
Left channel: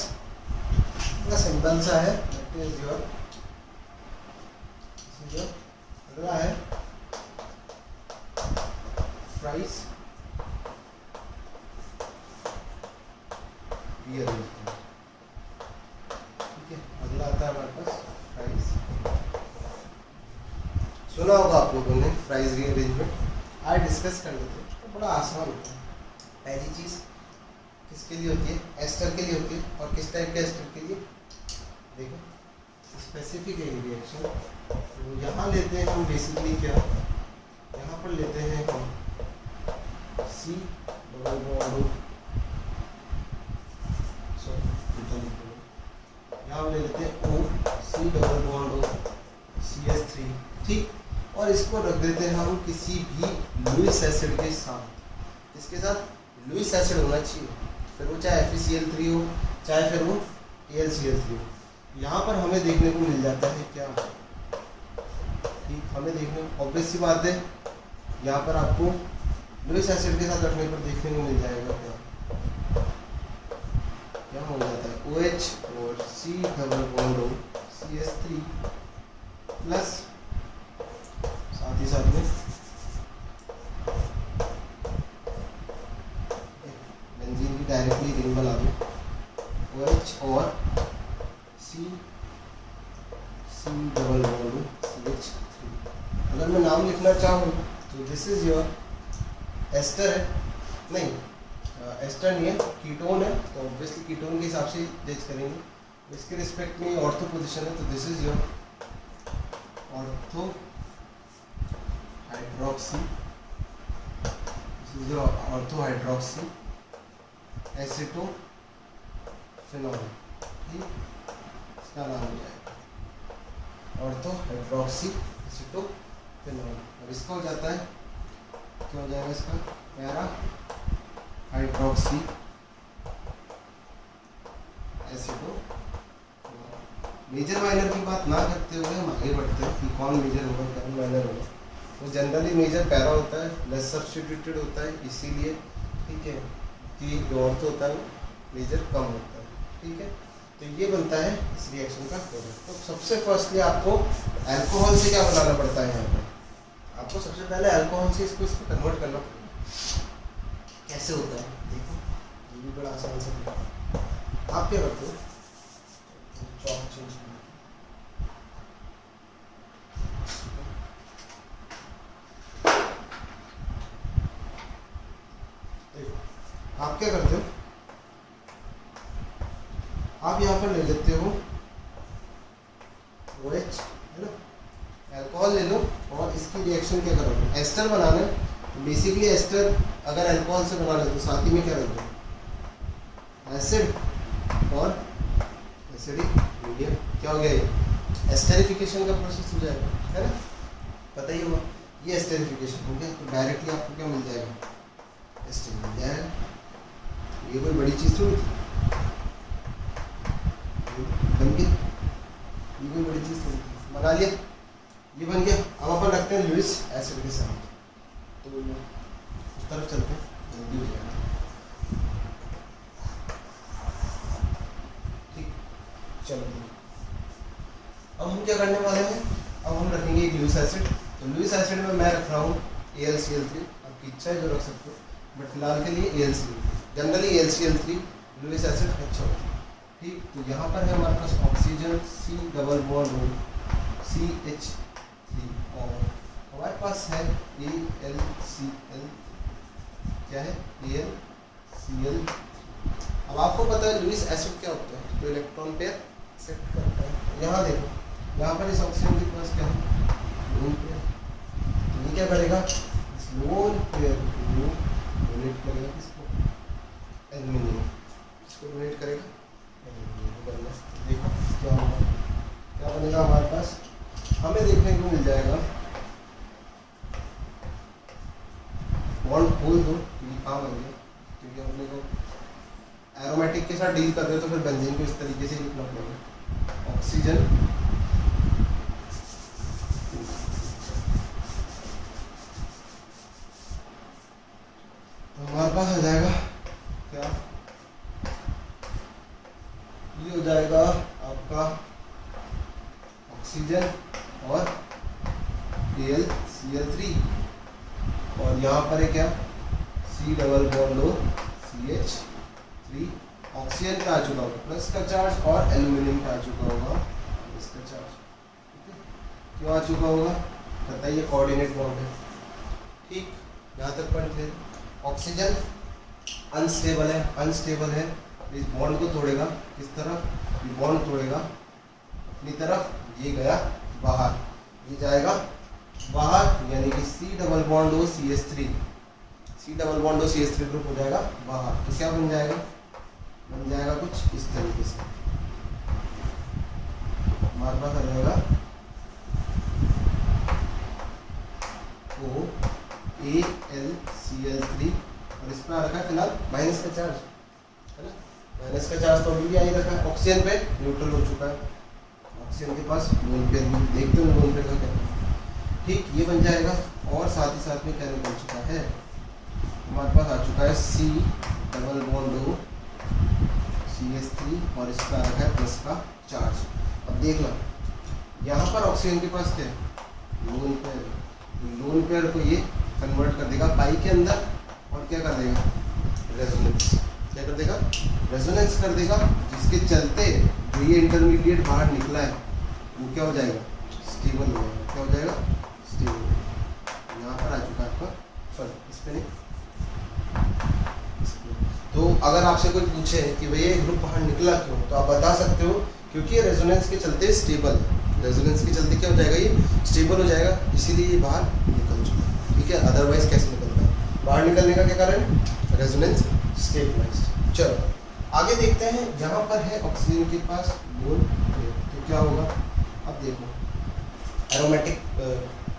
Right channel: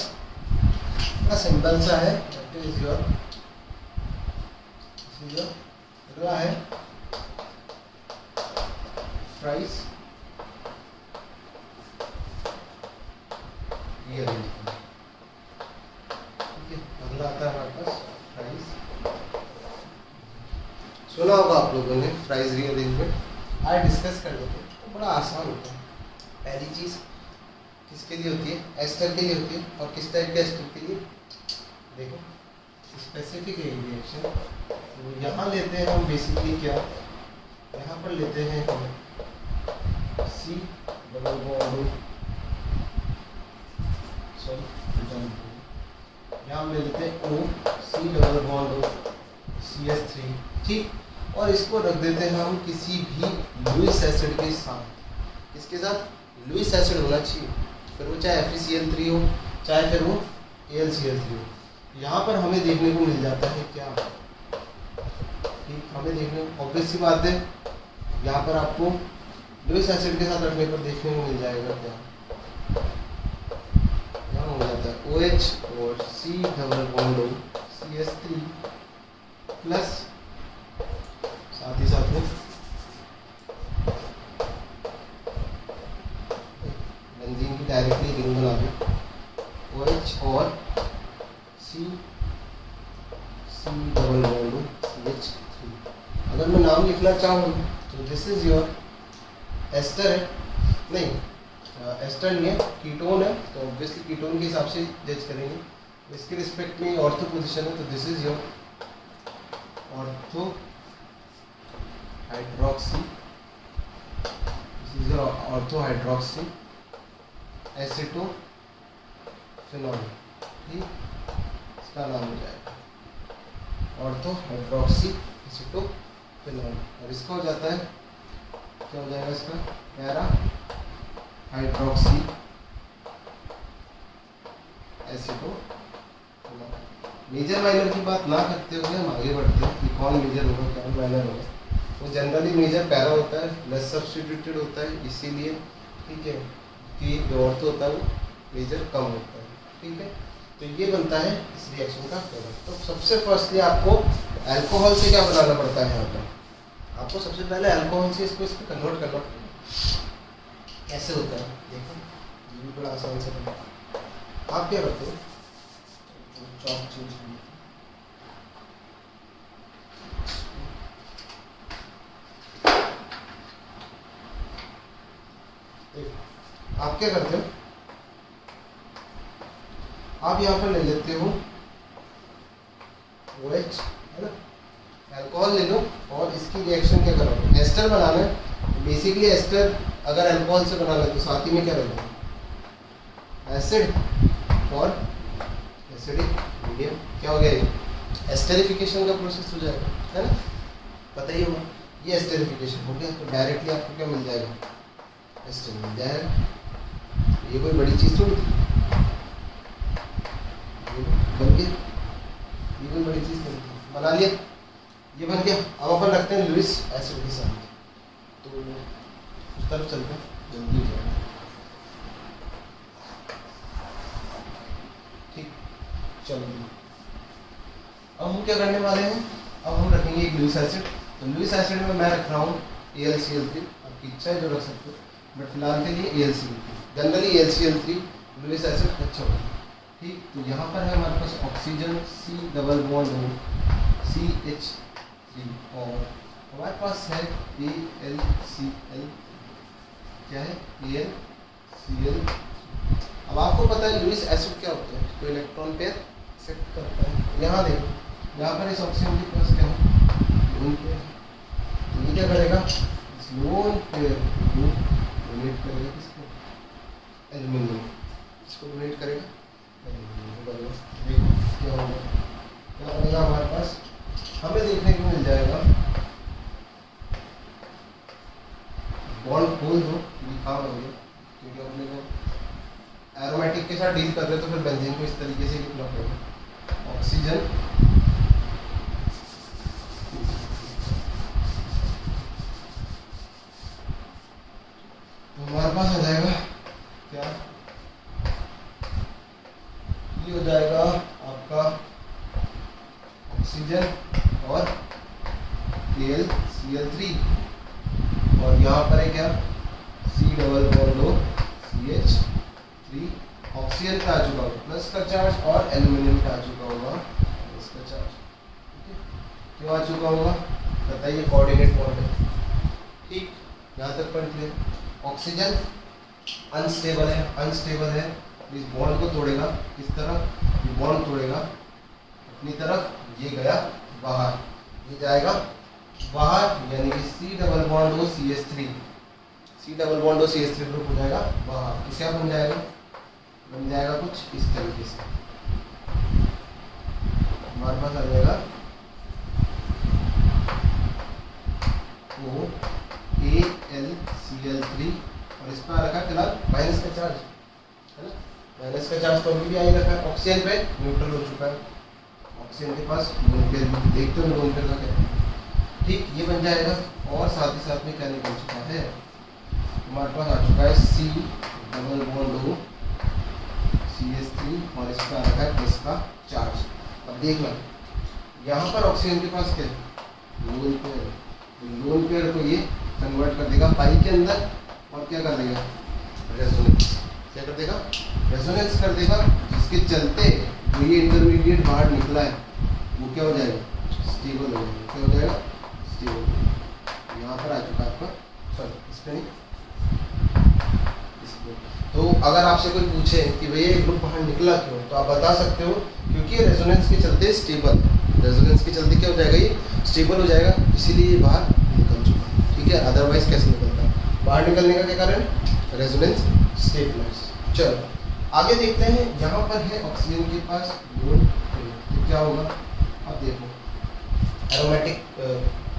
इतना सिंपल सा है। अगला है प्राइस रीअरेंजमेंट। ठीक है, अगला आता है हमारे पास प्राइस। सुना होगा आप लोगों ने प्राइस रीअरेंजमेंट। आज डिस्कस कर लेते हैं। तो बड़ा आसान होता है। पहली चीज किसके लिए होती है? एस्टर के लिए होती है। और किस टाइप के एस्टर के लिए? देखो, स्पेसिफिक रिएक्शन। तो यहाँ लेते हैं हम बेसिकली क्या, यहाँ पर लेते हैं हम C डबल बॉन्ड, यहाँ हम ले लेते हैं O C double bond CH3। ठीक, और इसको रख देते हैं हम किसी भी लुईस एसिड के साथ। किसके साथ? लुईस एसिड होना चाहिए, फिर वो चाहे FeCl3 हो, चाहे फिर वो AlCl3 हो। यहाँ पर हमें देखने को मिल जाता है क्या? ठीक, हमें देखने को ऑब्वियस सी बात है, यहाँ पर आपको लुईस एसिड के साथ रखने पर देखने को मिल जाएगा क्या? यहाँ हो जाता है OH और C डबल बॉन्ड हो CH3 प्लस साथ ही साथ में बेंजीन की डायरेक्टली रिंग बना दो OH और C डबल बॉन्ड CH3। अगर मैं नाम लिखना चाहूँ तो दिस इज योर एस्टर है, नहीं एस्टर नहीं है, कीटोन है, तो ऑब्वियसली कीटोन के हिसाब से जज करेंगे। इसके रिस्पेक्ट में ऑर्थो पोजीशन है, तो this is your ortho hydroxy, this is your ortho hydroxy acetophenol, ठीक, इसका नाम हो जाएगा ऑर्थो हाइड्रोक्सी एसिटोफिनॉल। और इसका हो जाता है, क्या हो जाएगा इसका, para hydroxy acetophenol. Major minor की बात ना करते हुए हम आगे बढ़ते हैं कि कौन मेजर होगा कौन माइनर होगा। तो जनरली मेजर पैरा होता है, लेस सब्स्टिट्यूटेड होता है, इसीलिए ठीक है कि जो ऑर्थो होता है मेजर कम होता है, ठीक है। तो ये बनता है इस रिएक्शन का प्रोडक्ट। तो सबसे फर्स्टली आपको अल्कोहल से क्या बनाना पड़ता है, यहाँ पर आपको सबसे पहले अल्कोहल से इसको कन्वर्ट करना पड़ेगा। कैसे होता है देखो, ये भी बड़ा आसान से बनता है। आप क्या करते हो, चॉक चेंज आप क्या करते हो, आप यहाँ पर ले लेते हो OH, है ना, अल्कोहल ले लो और इसकी रिएक्शन क्या करोगे, एस्टर बनाना है। बेसिकली एस्टर अगर अल्कोहल से बना ले तो साथ ही में क्या रहेगा, एसिड और एसिडिक मीडियम, क्या हो गया ये एस्टेरिफिकेशन का प्रोसेस हो जाएगा, है ना, पता ही होगा। ये एस्टेरिफिकेशन हो गया, तो डायरेक्टली आपको क्या मिल जाएगा, एस्टर मिल जाएगा। ये कोई बड़ी चीज़ थोड़ी थी, बन गया, ये कोई बड़ी चीज़ थोड़ी थी, बना लिया, ये बन गया। अब अपन रखते हैं लुईस एसिड के साथ, तो उस तरफ चलते हैं, जल्दी हो जाएगा, ठीक। चलो अब हम क्या करने वाले हैं, अब हम रखेंगे एक लुईस एसिड। तो लुईस एसिड में मैं रख रहा हूँ AlCl3, आपकी इच्छा है जो रख सकते हो, बट फिलहाल के लिए AlCl3, generally AlCl3 Lewis acid अच्छा होगा, ठीक। तो यहाँ पर है हमारे पास oxygen C double bond O CH3 और हमारे पास है AlCl, क्या है AlCl। अब आपको पता है लुईस एसिड क्या होता है, तो इलेक्ट्रॉन पेयर एक्सेप्ट करता है। यहाँ देखो, यहाँ पर इस ऑक्सीजन के पास क्या है, लोन पेयर, तो ये क्या करेगा, इस लोन पेयर को डोनेट करेगा किसको, एल्यूमिनियम, इसको डोनेट करेगा एल्यूमिनियम को बनेगा। देखो क्या होगा, क्या बनेगा हमारे पास, हमें देखने को मिल जाएगा बॉन्ड होल हो, कहाँ बन गया, क्योंकि हमने एरोमेटिक के साथ डील कर रहे हो तो फिर बेंजीन को इस तरीके से लिखना पड़ेगा, ऑक्सीजन तो हमारे पास आ जाएगा क्या, ये हो जाएगा आपका ऑक्सीजन और AlCl3 और यहाँ पर है क्या C double bond O CH3, oxygen पे आ चुका होगा प्लस का चार्ज और एल्यूमिनियम पे आ चुका होगा इसका चार्ज, ठीक है। क्यों आ चुका होगा बताइए, कोऑर्डिनेट बॉन्ड है, ठीक, यहाँ तक पॉइंट क्लियर। ऑक्सीजन अनस्टेबल है, इस बॉन्ड को तोड़ेगा, किस तरह, ये बॉन्ड तोड़ेगा अपनी तरफ, ये गया बाहर, ये जाएगा बाहर, यानी कि C double bond O CH3 group हो जाएगा बाहर, तो क्या बन जाएगा, बन जाएगा कुछ इस तरीके से, हमारे पास आ जाएगा AlCl3 और इस पर आ रखा है फिलहाल माइनस का चार्ज, है ना, माइनस का चार्ज तो अभी भी आ ही रखा है, ऑक्सीजन पे न्यूट्रल हो चुका है, ऑक्सीजन के पास लोन पेयर, देखते हो लोन पेयर का क्या, ठीक, ये बन जाएगा। और साथ ही साथ में क्या निकल चुका है, हमारे पास आ चुका है C double bond O CH3 और इसका आ रखा है प्लस का चार्ज। अब देख लो यहाँ पर ऑक्सीजन के पास क्या है, लोन पेयर, लोन पेयर को ये कन्वर्ट कर देगा पाई के अंदर और क्या कर देगा, रेजोनेंस, क्या कर देगा, रेजोनेंस कर देगा, जिसके चलते जो ये इंटरमीडिएट बाहर निकला है वो क्या हो जाएगा, स्टेबल हो जाएगा, क्या हो जाएगा, स्टेबल, यहाँ पर आ चुका है आपका, सॉरी इस पे नहीं, तो अगर आपसे कोई पूछे कि भैया ये ग्रुप बाहर निकला क्यों, तो आप बता सकते हो क्योंकि रेजोनेंस के चलते स्टेबल, रेजोनेंस के चलते क्या हो जाएगा, ये स्टेबल हो जाएगा, इसीलिए ये बाहर निकल चुका। ठीक है, अदरवाइज कैसे निकलता, बाहर निकलने का क्या कारण, रेजोनेंस स्टेबलाइज्ड। चलो आगे देखते हैं, यहाँ पर है ऑक्सीजन के पास लोन, तो क्या होगा, अब देखो एरोमेटिक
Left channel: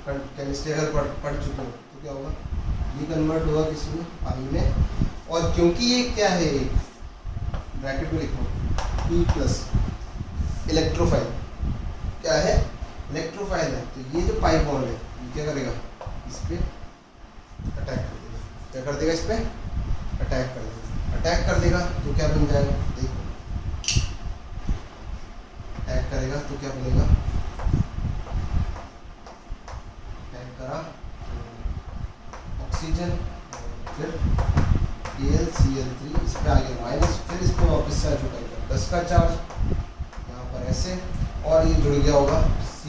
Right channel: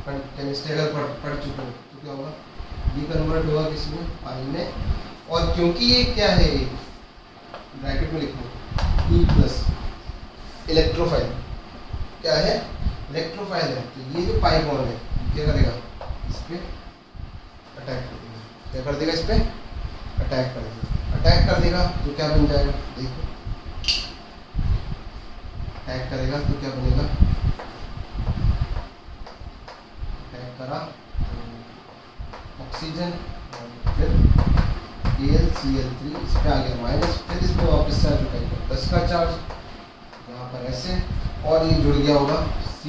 केमिस्ट्री अगर पढ़ चुके हो तो क्या होगा, ये कन्वर्ट होगा किसमें, पानी में, और क्योंकि ये क्या है, ब्रैकेट में लिखो E प्लस इलेक्ट्रोफाइल, क्या है, इलेक्ट्रोफाइल है, तो ये जो पाई बॉन्ड है क्या करेगा, इस पे अटैक कर देगा, क्या कर देगा, इस पे अटैक कर देगा, अटैक कर देगा तो क्या बन जाएगा, देखो अटैक करेगा तो क्या बनेगा, अटैक करा ऑक्सीजन, फिर AlCl3 इस पे आ गया माइनस, फिर इस पे वापस से आ चुका है 10 का चार्ज, यहाँ पर ऐसे, और ये जुड़ गया होगा C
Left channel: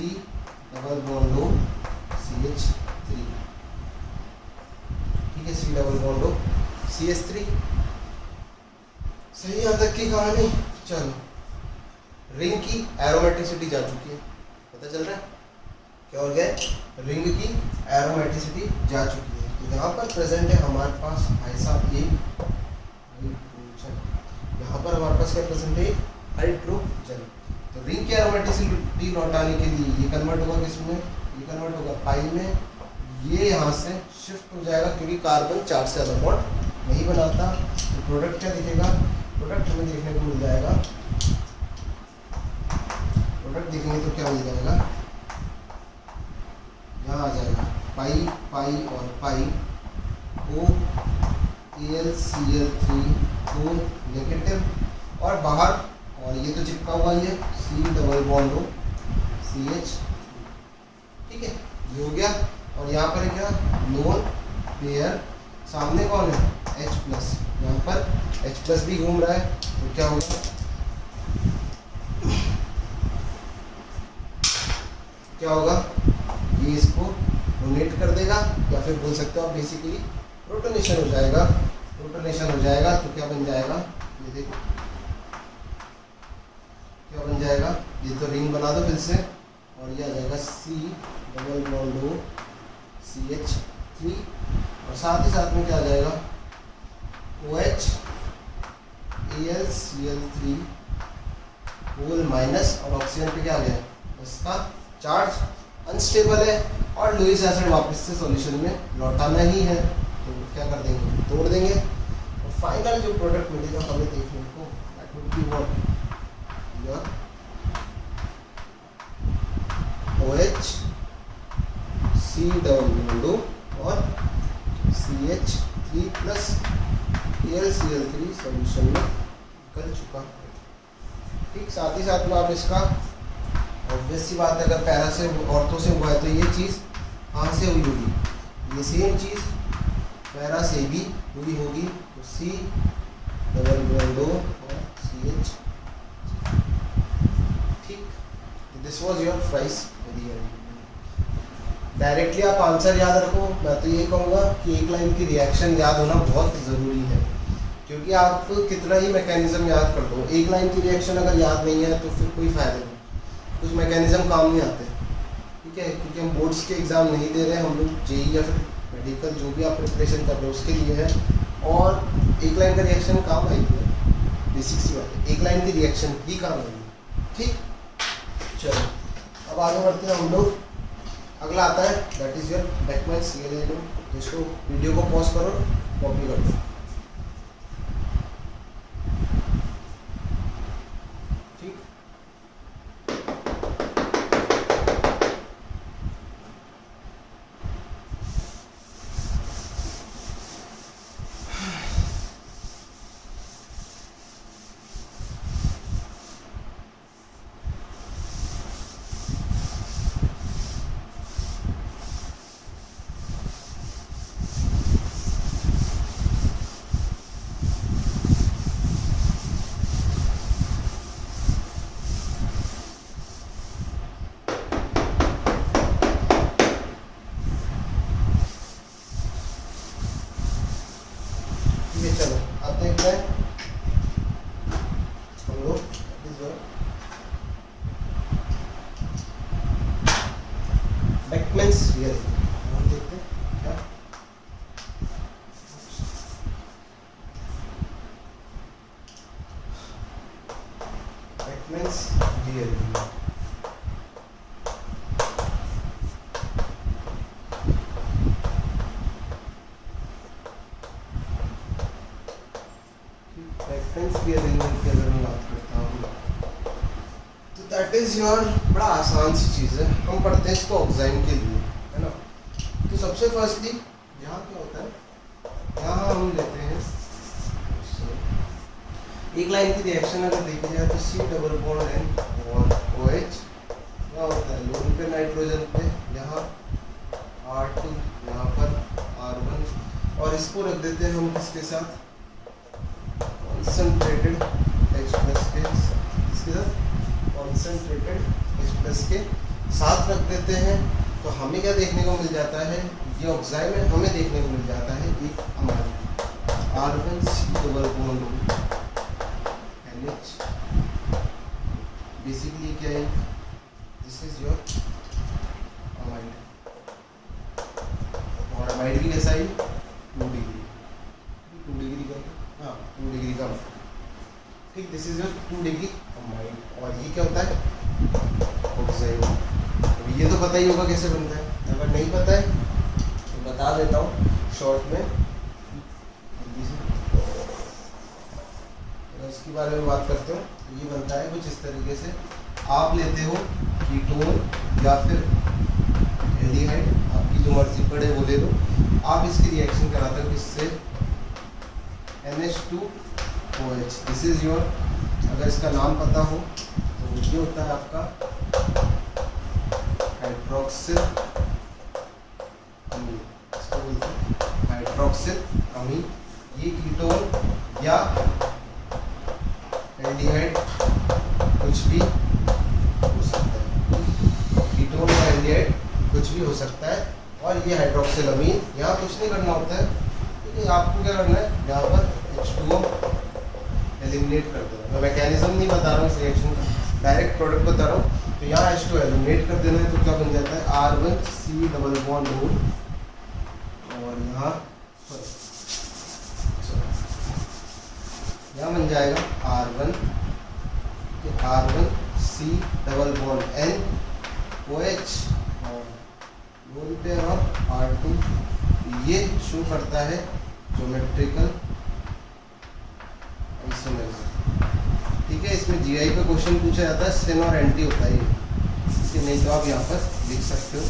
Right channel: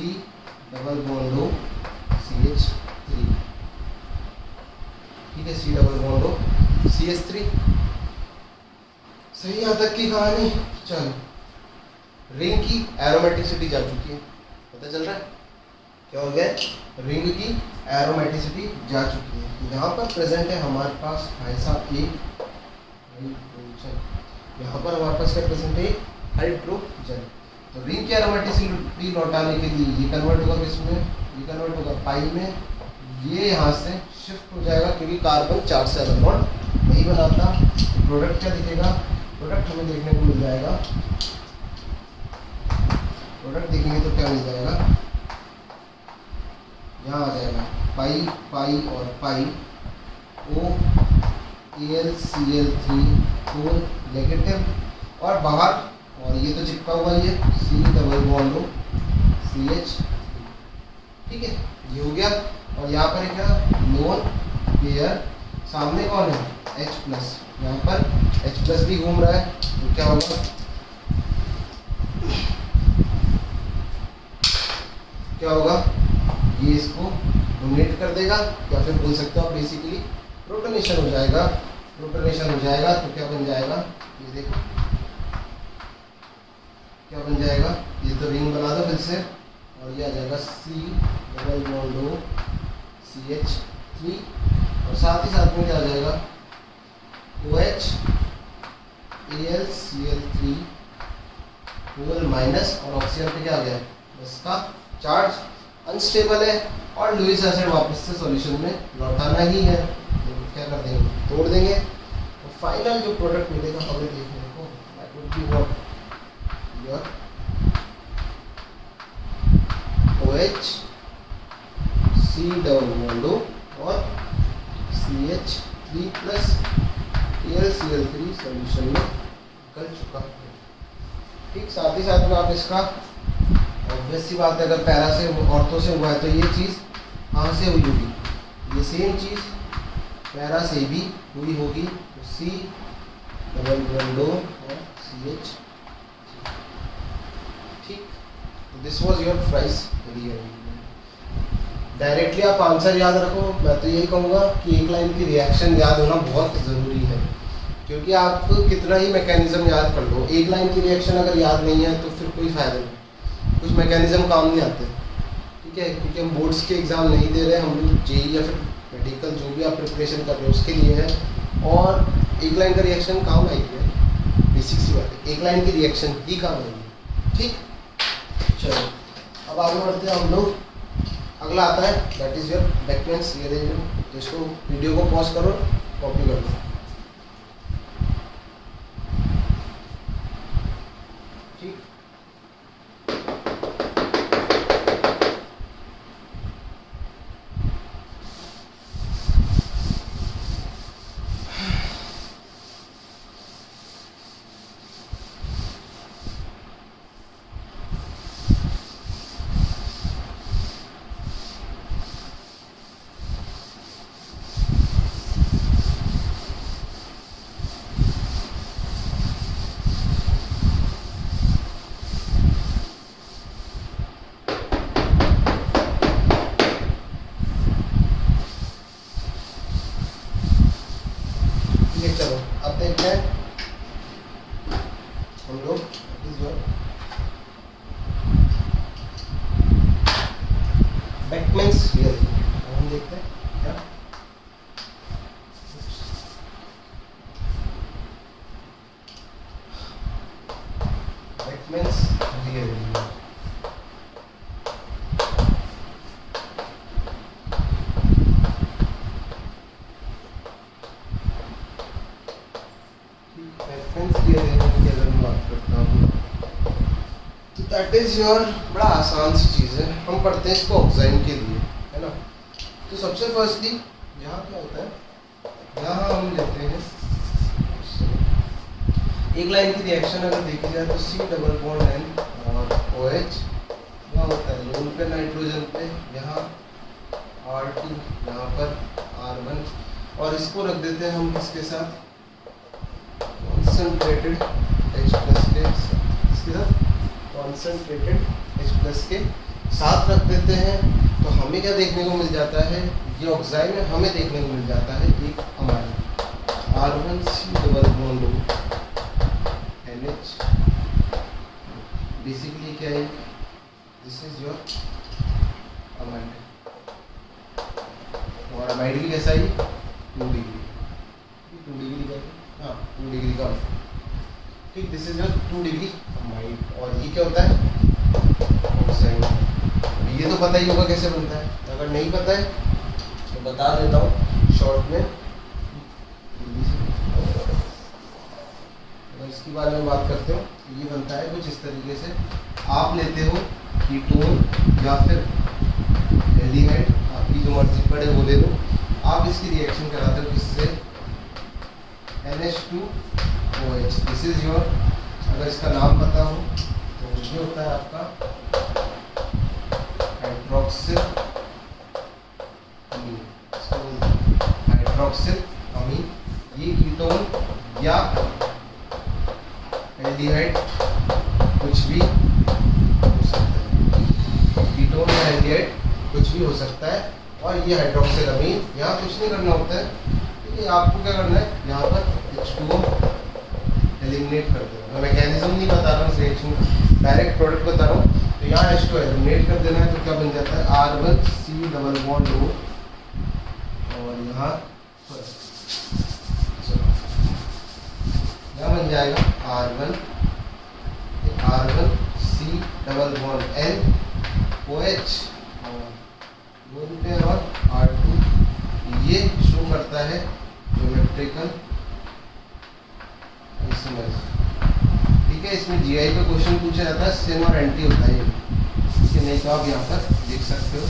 double bond O CH3, ठीक है, C double bond O CH3, सही यहाँ तक की कहानी। चलो रिंग की एरोमेटिसिटी जा चुकी है, पता चल रहा है क्या हो गया, रिंग की एरोमेटिसिटी जा चुकी है, यहाँ पर प्रेजेंट है हमारे पास भाई साहब ये हाइड्रोजन, यहाँ पर हमारे पास क्या प्रेजेंट है, हाइड्रोजन, तो रिंग की एरोमेटिसिटी लौटाने के लिए ये कन्वर्ट होगा किसमें, ये कन्वर्ट होगा पाई में, ये यहाँ से शिफ्ट हो जाएगा क्योंकि कार्बन 4 से ज़्यादा बॉन्ड नहीं बनाता, तो प्रोडक्ट क्या दिखेगा, प्रोडक्ट हमें देखने को मिल जाएगा, प्रोडक्ट देखेंगे तो क्या मिल जाएगा, यहाँ आ जाएगा पाई पाई और पाई, O AlCl3 4 नेगेटिव, और बाहर, और ये तो चिपका हुआ, ये C double bond O CH, ठीक है, ये हो गया, और यहाँ पर क्या, लोन पेयर, सामने कौन है, H प्लस, यहाँ पर H प्लस भी घूम रहा है, तो क्या होगा, क्या होगा, ये इसको डोनेट कर देगा, या फिर बोल सकते हो आप बेसिकली प्रोटोनेशन हो जाएगा, प्रोटोनेशन हो जाएगा, तो क्या बन जाएगा, ये देखो क्या बन जाएगा, ये तो रिंग बना दो फिर से, और ये आ जाएगा C double bond O CH3, और साथ ही साथ में क्या आ जाएगा, OH AlCl3 होल माइनस, और ऑक्सीजन पे क्या आ गया, इसका चार्ज अनस्टेबल है, और लुईस एसिड वापस से सॉल्यूशन में लौटाना ही है, तो क्या कर देंगे, तोड़ देंगे, और फाइनल जो प्रोडक्ट मिलेगा हमें देखने को, that would be what, your OH C double bond O और CH3 प्लस AlCl3 सॉल्यूशन में निकल चुका है, ठीक, साथ ही साथ में आप इसका ऑब्वियस सी बात है, अगर पैरा से ऑर्थो से हुआ है तो ये चीज़ कहाँ से हुई होगी, ये सेम चीज़ पैरा से भी हुई होगी, तो C डबल बॉन्ड O और CH, ठीक, this was your price. Directly आप आंसर याद रखो, मैं तो यही कहूँगा कि एक लाइन की रिएक्शन याद होना बहुत ज़रूरी है, क्योंकि आप कितना ही मैकेनिज्म याद कर लो, एक लाइन की रिएक्शन अगर याद नहीं है तो फिर कोई फ़ायदा नहीं, कुछ मैकेनिज्म काम नहीं आते, ठीक है, क्योंकि हम बोर्ड्स के एग्ज़ाम नहीं दे रहे हैं, हम लोग जेई या फिर मेडिकल जो भी आप प्रिपरेशन कर रहे हो उसके लिए है, और एक लाइन का रिएक्शन काम आएगी, बेसिक सी बात है, एक लाइन की रिएक्शन ही काम आएगी, ठीक। चलो अब आगे बढ़ते हैं हम लोग, अगला आता है दैट इज़ योर बेकमैन्स रिएक्शन, जिसको वीडियो को पॉज करो, कॉपी कर दो, ठीक है, चलो अब देखते हैं हम लोग बेकमैन्स रियल, हम देखते हैं क्या बेकमैन्स रियल। तो दैट इज योर, बड़ा आसान सी चीज़ है, हम पढ़ते हैं इसको ऑक्साइन के लिए, है ना। तो सबसे फर्स्टली यहाँ क्या होता है, यहाँ हम लेते हैं एक लाइन की रिएक्शन अगर देखी जाए तो सी डबल बॉन्ड एन और OH, यहाँ होता है लोन पे नाइट्रोजन पे, यहाँ R2, यहाँ पर R1, और इसको रख देते हैं हम किसके साथ, कॉन्सेंट्रेटेड H प्लस के, इसके साथ कॉन्सेंट्रेटेड H प्लस के साथ रख देते हैं। तो हमें क्या देखने को मिल जाता है, ये ऑक्साइड में हमें देखने को मिल जाता है एक amine, R1C double bond NH, basically क्या है, दिस इज योर अमाइन, और अमाइड की कैसा ही 2 डिग्री का, हाँ 2 डिग्री का, ठीक, this is your 2 degree amide. और ये क्या होता है ऑक्साइड। ये तो पता ही होगा कैसे बनता है, अगर नहीं पता है तो बता देता हूँ शॉर्ट में। अगर इसके बारे में बात करते हो तो ये बनता है कुछ इस तरीके से, आप लेते हो कीटोन या फिर एल्डिहाइड, आपकी जो मर्जी पड़े वो ले लो, आप इसकी रिएक्शन कराते हो इससे NH2OH, दिस इज योर, अगर इसका नाम पता हो तो ये होता है आपका हाइड्रोक्सिल अमीन, इसको बोलते हैं हाइड्रोक्सिल अमीन। ये कीटोन या एल्डिहाइड कुछ भी हो सकता है, कीटोन या एल्डिहाइड कुछ भी हो सकता है। और ये हाइड्रोक्सिल अमीन, यहाँ कुछ नहीं करना होता है, ठीक है, आपको क्या करना है, यहाँ पर H2O एलिमिनेट कर देना। मैं मैकेनिज्म नहीं बता रहा हूँ इस रिएक्शन का, डायरेक्ट प्रोडक्ट बता रहा हूँ। तो यहाँ H2O एलिमिनेट कर देना है, तो क्या बन जाता है R1C डबल बॉन्ड O, और यहाँ बन जाएगा R1C double bond N OH, और लोन पेयर और R2, ये शो करता है ज्योमेट्रिकल आइसोमेरिज्म, ठीक है। इसमें GI पे क्वेश्चन पूछा जाता है, सिन और एंटी होता है ये, इसके नहीं तो आप यहाँ पर लिख सकते हो,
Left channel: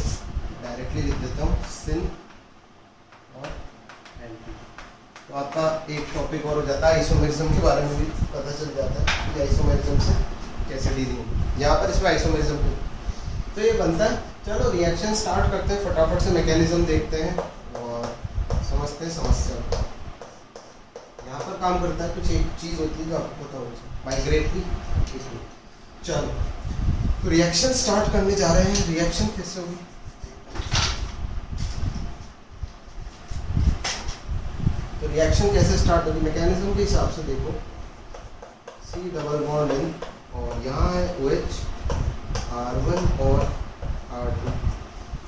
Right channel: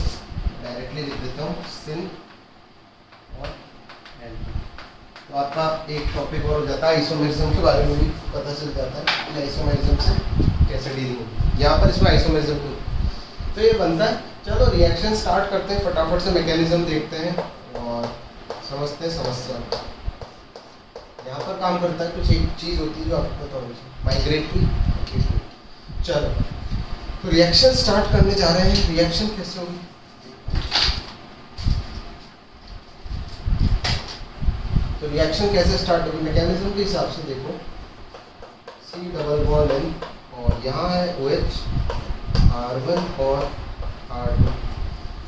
डायरेक्टली लिख देता हूँ सिन और एंटी। तो आपका एक टॉपिक और हो जाता है, आइसोमेरिज्म के बारे में भी पता चल जाता है कि आइसोमेरिज्म से कैसे डीलिंग होगी। यहाँ पर इसमें आइसोमेरिज्म तो ये बनता है। चलो रिएक्शन स्टार्ट करते हैं, फटाफट से मैकेनिज्म देखते हैं और समझते हैं समस्या। यहाँ पर काम करता है कुछ एक चीज़ होती है जो आपको पता होनी चाहिए, माइग्रेटरी। चलो तो रिएक्शन स्टार्ट करने जा रहे हैं। रिएक्शन कैसे होगी, तो रिएक्शन कैसे स्टार्ट होगी मैकेनिज्म के हिसाब से देखो, C डबल बॉन्ड N और यहाँ है OH, R1 और R2,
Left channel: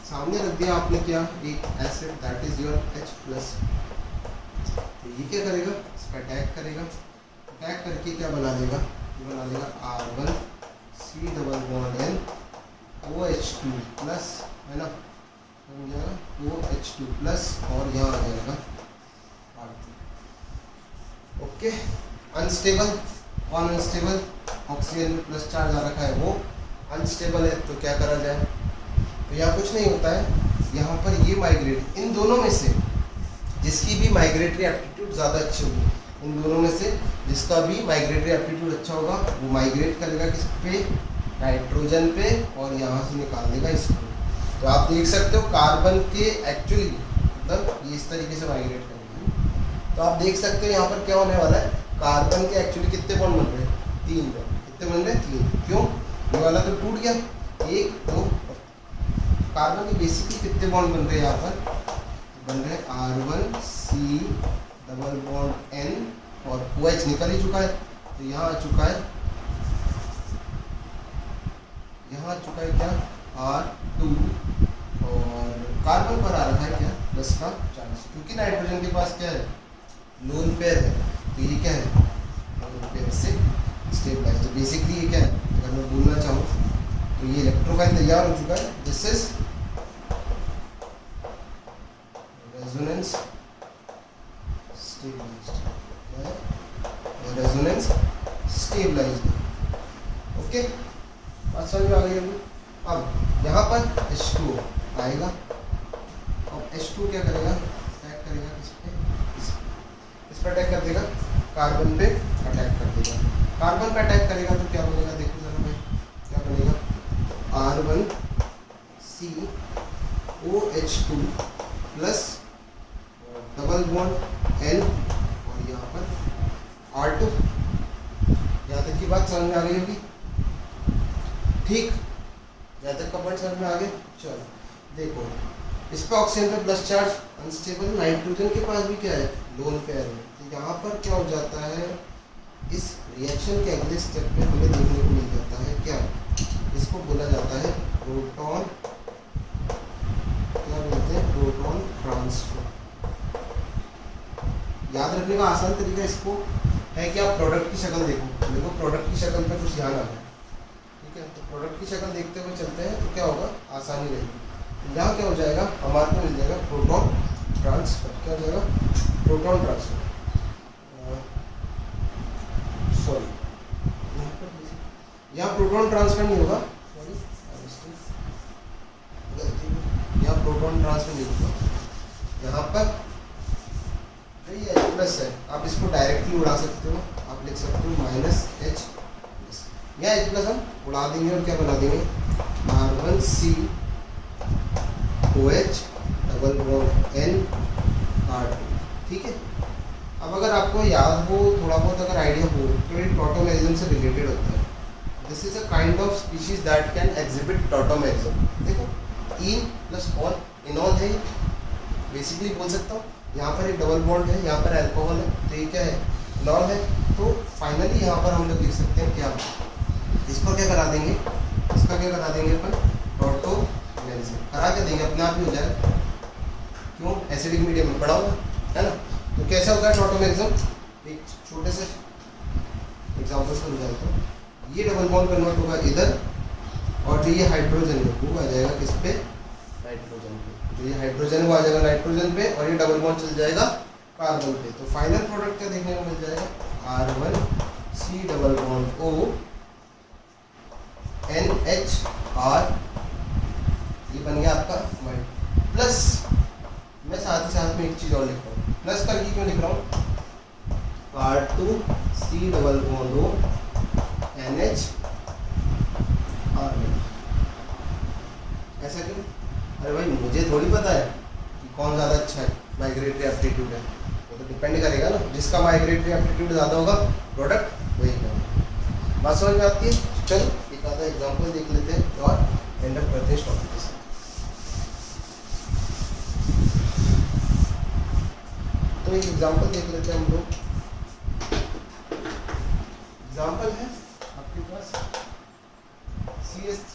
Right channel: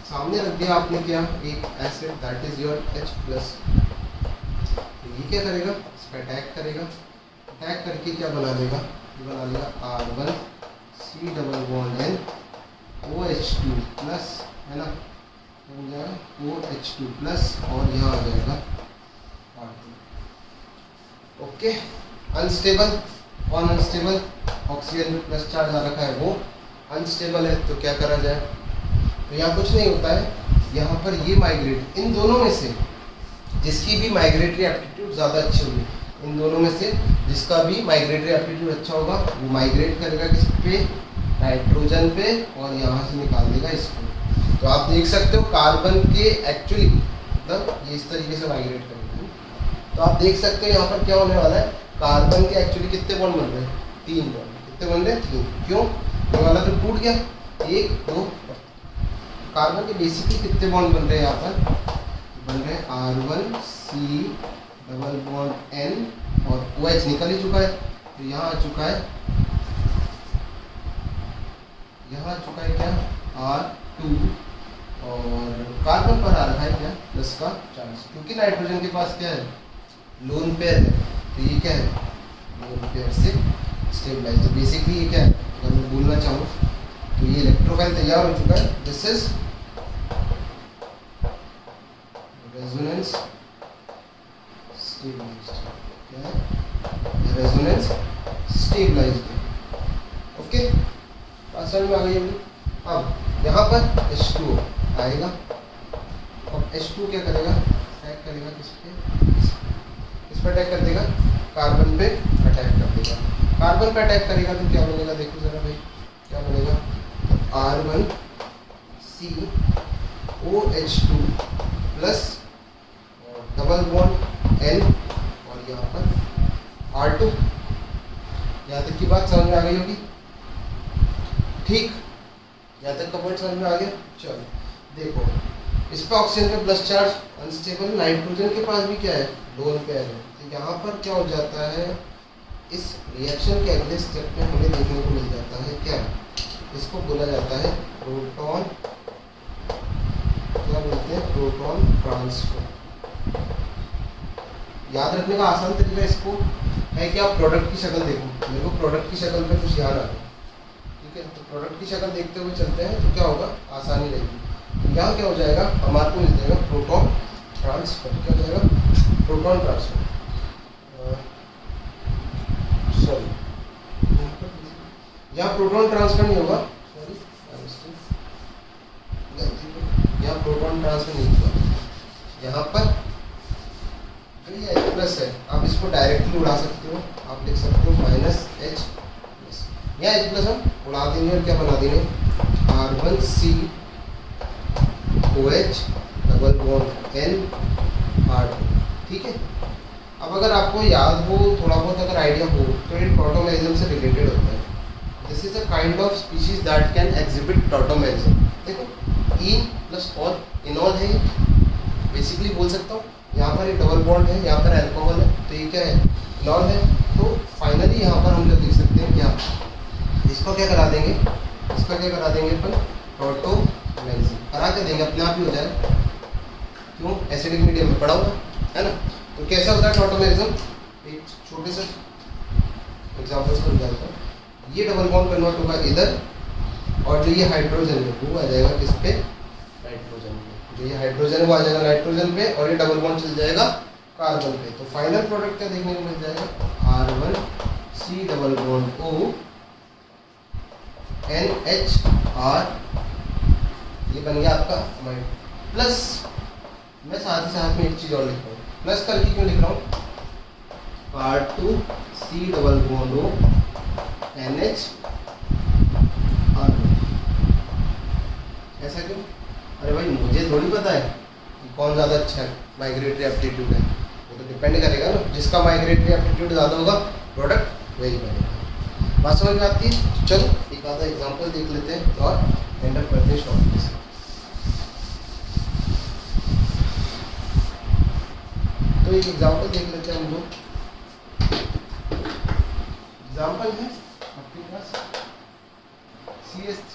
सामने रख दिया आपने क्या, एक acid that is your H plus. तो ये क्या करेगा, इस पर अटैक करेगा, अटैक करके क्या बना देगा, ये बना देगा R1C double bond N OH2 plus, है ना, हो जाएगा OH2 प्लस, और यहाँ आ जाएगा R2। Okay, unstable, one unstable, oxygen में प्लस चार्ज आ रखा है वो अनस्टेबल है, तो क्या करा जाए। तो यहाँ कुछ नहीं होता है, यहाँ पर ये माइग्रेट, इन दोनों में से जिसकी भी माइग्रेटरी एप्टीट्यूड ज़्यादा अच्छी होगी, इन दोनों में से जिसका भी माइग्रेटरी एप्टीट्यूड अच्छा होगा वो माइग्रेट करेगा किस पे, नाइट्रोजन पे, और यहाँ से निकाल देगा इसको। तो आप देख सकते हो कार्बन के एक्चुअली मतलब ये इस तरीके से माइग्रेट करेगी। तो आप देख सकते हो यहाँ पर क्या होने वाला है, कार्बन के एक्चुअली कितने बॉन्ड बन रहे हैं, 3 बॉन्ड। कितने बन रहे हैं, 3। क्यों, ये वाला तो टूट गया, 1 2। कार्बन के बेसिकली कितने बॉन्ड बन रहे हैं, यहाँ पर बन रहे हैं R1C डबल बॉन्ड N और OH निकल ही चुका है, तो यहाँ आ चुका है, यहाँ आ चुका है क्या R2 और कार्बन पर आ रहा है क्या प्लस का चार्ज, क्योंकि नाइट्रोजन के पास क्या है लोन पेयर है, तो ये क्या है लोन पेयर से स्टेबलाइज। तो बेसिकली ये क्या है, अगर मैं बोलना चाहूँ तो ये इलेक्ट्रोफाइल तैयार हो चुका है। दिस इज रेजोनेंस स्टेबलाइज्ड, क्या है रेजोनेंस स्टेबलाइज्ड। ओके, बात समझ में आ गई होगी। अब यहाँ पर H2O आएगा और H2 क्या करेगा, अटैक करेगा किस पे अटैक कर देगा, कार्बन पे अटैक कर देगा। कार्बन पे अटैक करेगा तो क्या बनेगा, देखो जरा भाई क्या बनेगा, R1COH2 plus double bond L और यहाँ पर R2। यहाँ तक की बात समझ में आ गई होगी, ठीक, यहाँ तक का पॉइंट समझ में आ गया। चलो देखो, इस पर ऑक्सीजन पे प्लस चार्ज अनस्टेबल, नाइट्रोजन के पास भी क्या है लोन पेयर है, तो यहाँ पर क्या हो जाता है, इस रिएक्शन के अगले स्टेप में हमें देखने को मिल जाता है क्या, इसको बोला जाता है प्रोटॉन, क्या बोलते हैं प्रोटॉन ट्रांसफर। याद रखने का आसान तरीका इसको है कि आप प्रोडक्ट की शक्ल देखो, मेरे को प्रोडक्ट की शक्ल पे कुछ ध्यान आ रहा है, ठीक है, तो प्रोडक्ट की शक्ल देखते हुए चलते हैं तो क्या होगा, आसानी रहेगी। यहाँ क्या हो जाएगा, हमारे को मिल जाएगा प्रोटॉन ट्रांसफर, क्या हो जाएगा प्रोटॉन ट्रांसफर, सॉरी यहाँ प्रोटॉन ट्रांसफर नहीं होगा, सॉरी यहाँ प्रोटॉन ट्रांसफर नहीं होगा, यहाँ पर जो ये H प्लस है आप इसको डायरेक्टली उड़ा सकते हो, आप लिख सकते हो माइनस H प्लस, यहाँ H प्लस हम उड़ा देंगे और क्या बना देंगे R1COH double bond N R2, ठीक है। अब अगर आपको याद हो, थोड़ा बहुत अगर आइडिया हो, तो ये टॉटोमेरिज्म से रिलेटेड होता है। This is a kind of species that can exhibit tautomerism. देखो इन प्लस ऑल, इनॉल है बेसिकली बोल सकता हूँ, यहाँ पर एक डबल बॉन्ड है, यहाँ पर अल्कोहल है, तो ये क्या है इनॉल है। तो फाइनली यहाँ पर हम लोग लिख सकते हैं क्या, इसको क्या करा देंगे, इसका क्या करा देंगे अपन टॉटोमेरिज्म करा के देंगे, अपने आप ही हो जाएगा, क्यों एसिडिक मीडियम में पड़ा हुआ है ना। तो कैसा होता है टॉटोमेरिज्म, एक छोटे से एग्जांपल से बताता हूँ। ये डबल बॉन्ड कन्वर्ट होगा इधर, और जो ये हाइड्रोजन है वो आ जाएगा किस पे, नाइट्रोजन पे, जो ये हाइड्रोजन है वो आ जाएगा नाइट्रोजन पे, और ये डबल बॉन्ड चल जाएगा कार्बन पे। तो फाइनल प्रोडक्ट क्या देखने को मिल जाएगा, R1C double bond O NHR, ये बन गया आपका अमाइड। प्लस मैं साथ ही साथ में एक चीज़ और लिख रहा हूँ, प्लस करके क्यों लिख रहा हूँ, R2C double bond O NHR, ऐसा क्यों, अरे भाई मुझे थोड़ी पता है कि कौन ज़्यादा अच्छा है, माइग्रेटरी एप्टीट्यूड है, वो तो डिपेंड करेगा ना, जिसका माइग्रेटरी एप्टीट्यूड ज़्यादा होगा प्रोडक्ट वही बनेगा। बात समझ में आती है। चलो एक आधा एग्जांपल देख लेते हैं और एंड अप करते हैं टॉपिक से। तो एक एग्जांपल देख लेते हैं हम लोग। एग्जांपल है आपके पास CH3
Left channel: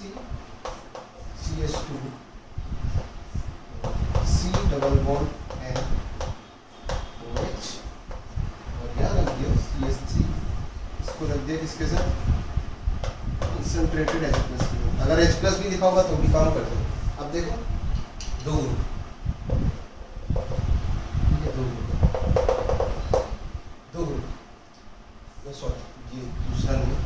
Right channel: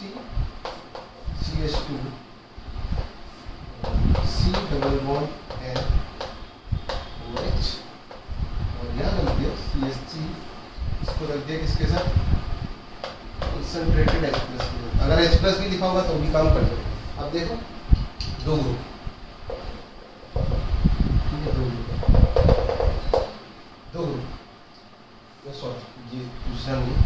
CH2 C double bond N OH, और यहाँ रख दिया CH3, इसको रख दिया किसके साथ, कंसंट्रेटेड H प्लस के साथ। अगर H प्लस भी लिखा होगा तो भी काम कर दो। अब देखो दो ग्रुप, ठीक है, दो ग्रुप, सॉरी ये दूसरा नहीं,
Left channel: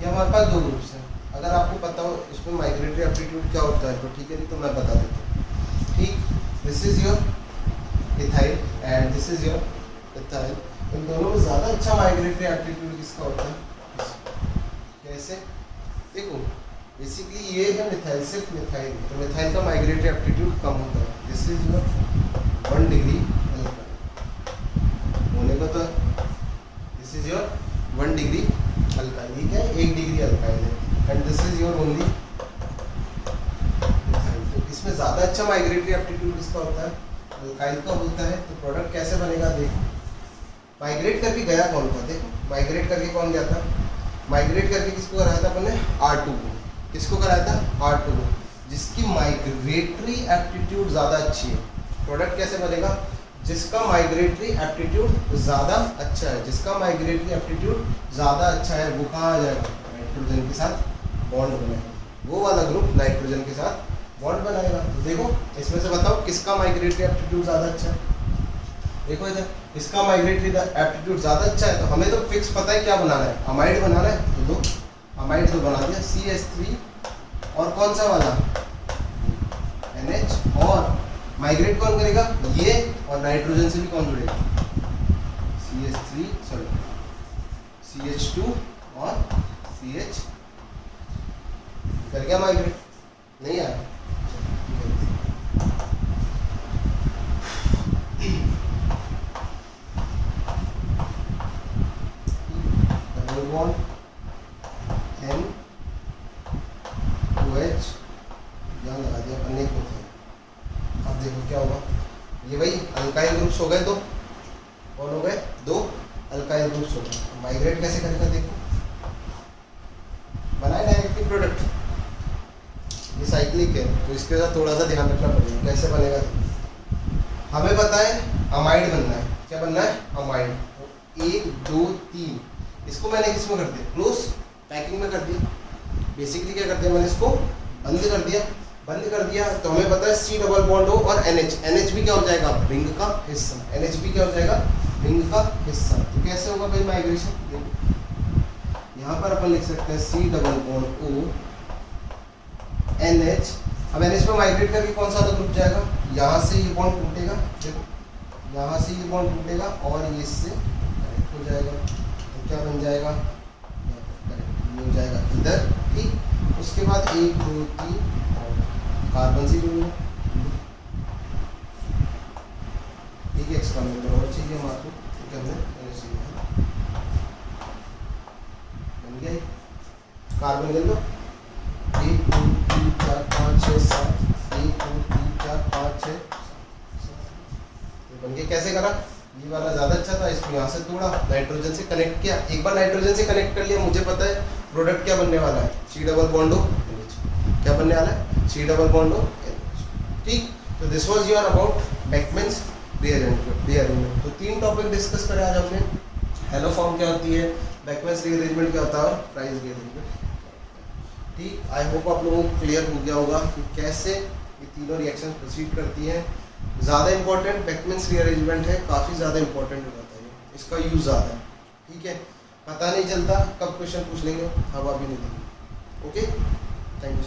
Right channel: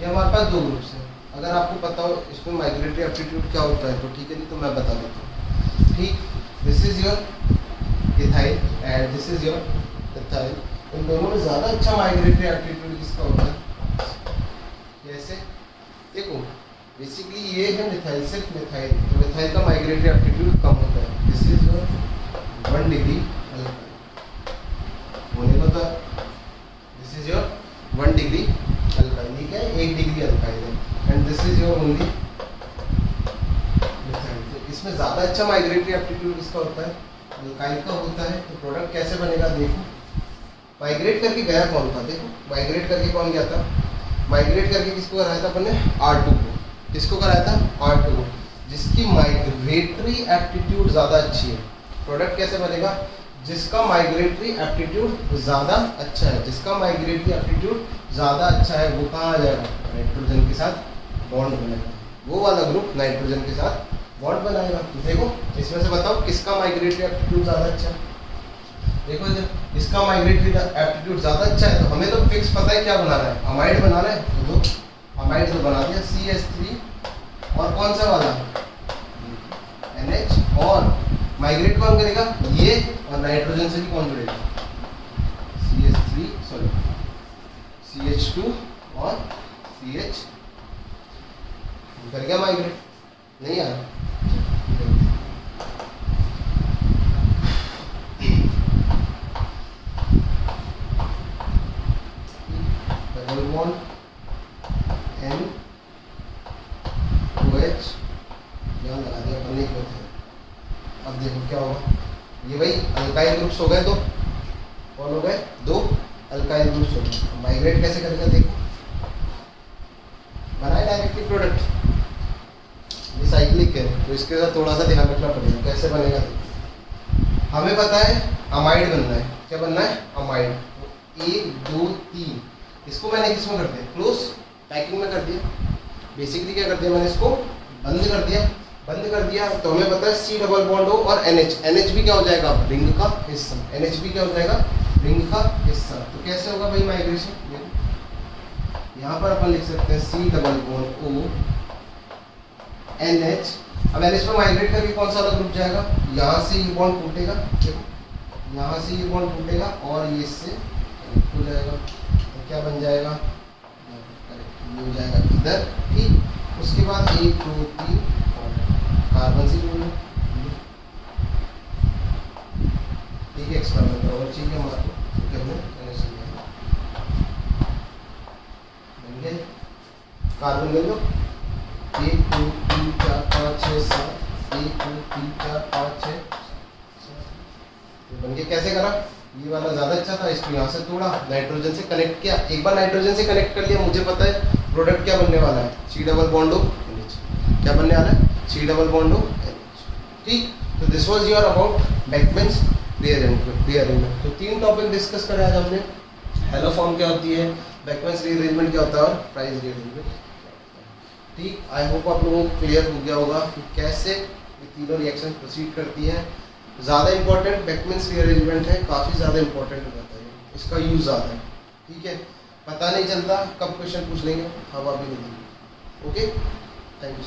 ये हमारे पास दो ग्रुप्स हैं। अगर आपको पता हो इसमें माइग्रेटरी एप्टीट्यूड क्या होता है तो ठीक है, नहीं तो मैं बता देता हूँ। ठीक, this is your ethyl and this is your ethyl. इन दोनों में ज़्यादा अच्छा माइग्रेटरी एप्टीट्यूड किसका होता है, कैसे देखो, बेसिकली ये है मिथाइल, सिर्फ मिथाइल, तो मिथाइल का माइग्रेटरी एप्टीट्यूड कम होता है। दिस इज योर 1 डिग्री होने को, तो this is your 1 degree alkyl, ठीक है, 1 डिग्री अल्काइल है, and this is your only methyl. तो इसमें इसमें ज़्यादा अच्छा माइग्रेटरी एप्टीट्यूड इसका होता है, अल्काइल का होता है। तो प्रोडक्ट कैसे बनेगा देखो, माइग्रेट करके गया कौन था, देखो माइग्रेट करके कौन गया था, माइग्रेट करके किसको कराया था अपन ने, R2 को। किसको कराया था, R2 को, जिसकी माइग्रेटरी एप्टीट्यूड ज़्यादा अच्छी है। प्रोडक्ट कैसे बनेगा, जिसका माइग्रेटरी एप्टीट्यूड ज़्यादा अच्छा है, जिसका माइग्रेटरी एप्टीट्यूड ज़्यादा अच्छा है वो कहाँ आ जाएगा, नाइट्रोजन के साथ बॉन्ड बनाएगा, वो वाला ग्रुप नाइट्रोजन के साथ बॉन्ड बनाएगा। तो देखो इसमें से बताओ किसका माइग्रेटरी एप्टीट्यूड ज़्यादा अच्छा है। देखो इधर इसका माइग्रेटरी एप्टीट्यूड ज़्यादा अच्छा है, तो हमें तो फिक्स पता है क्या बनाना है, अमाइड बनाना है। तो दो अमाइड तो बना दिया, CH3 और कौन सा वाला NH, और माइग्रेट कौन करेगा, ये और नाइट्रोजन से भी कौन जुड़ेगा, CH2 और CH कर गया माइग्रेट, नहीं यार डबल बॉन्ड N2H यहाँ लगा दिया अपन, एक होते हैं। अब देखो क्या होगा, ये भाई अल्काइल ग्रुप्स हो गए दो, कौन हो गए, दो अल्काइल ग्रुप्स हो गए। माइग्रेट कैसे करेगा देखो, बनाए डायरेक्टली प्रोडक्ट, ये साइक्लिक है तो इसके साथ थोड़ा सा ध्यान रखना पड़ेगा। कैसे बनेगा देखो, हमें पता है अमाइड बनना है, क्या बनना है, अमाइड। तो 1 2 3 इसको मैंने किसमें कर दिया, क्लोज पैकिंग में कर दिया। बेसिकली क्या कर दिया मैंने, इसको बंद कर दिया। बंद कर दिया तो हमें पता है C डबल बॉन्ड हो और NH भी क्या हो जाएगा, रिंग का हिस्सा, NH भी क्या हो जाएगा, रिंग का हिस्सा। तो कैसे होगा भाई माइग्रेशन, देखो यहाँ पर अपन लिख सकते हैं C double bond O NH। अब NH में माइग्रेट करके कौन सा अलग ग्रुप जाएगा, यहाँ से ये बॉन्ड टूटेगा, देखो यहाँ से ये बॉन्ड टूटेगा और ये इससे कनेक्ट हो जाएगा। तो क्या बन जाएगा, ये हो जाएगा इधर, ठीक। उसके बाद 1 2 3 कार्बन से जुड़ लो, ठीक है। एक्सपेरिमेंट और चाहिए हमारे करने, बन गया कार्बन ले लो, 1 2 3 4 5 6 7, 1 2 3 4 5 6 बन गया। कैसे करा, ये वाला ज़्यादा अच्छा था, इसको यहाँ से तोड़ा, नाइट्रोजन से कनेक्ट किया। एक बार नाइट्रोजन से कनेक्ट कर लिया, मुझे पता है प्रोडक्ट क्या बनने वाला है, C डबल बॉन्ड O, क्या बनने वाला है, C डबल बॉन्ड O, ठीक। तो this was your about Beckmann's rearrangement. तो 3 टॉपिक डिस्कस करे आज हमने, हेलो फॉर्म क्या होती है, बेकमैन्स रीअरेंजमेंट क्या होता है और प्राइस रीअरेंजमेंट, ठीक। आई होप आप लोगों को क्लियर हो गया होगा कि कैसे ये तीनों रिएक्शन प्रोसीड करती हैं। ज़्यादा इंपॉर्टेंट बेकमैन्स रीअरेंजमेंट है, काफ़ी ज़्यादा इंपॉर्टेंट हो जाता है, इसका यूज़ ज़्यादा है, ठीक है। पता नहीं चलता कब क्वेश्चन पूछ लेंगे, अब अभी नहीं। Okay, thank you.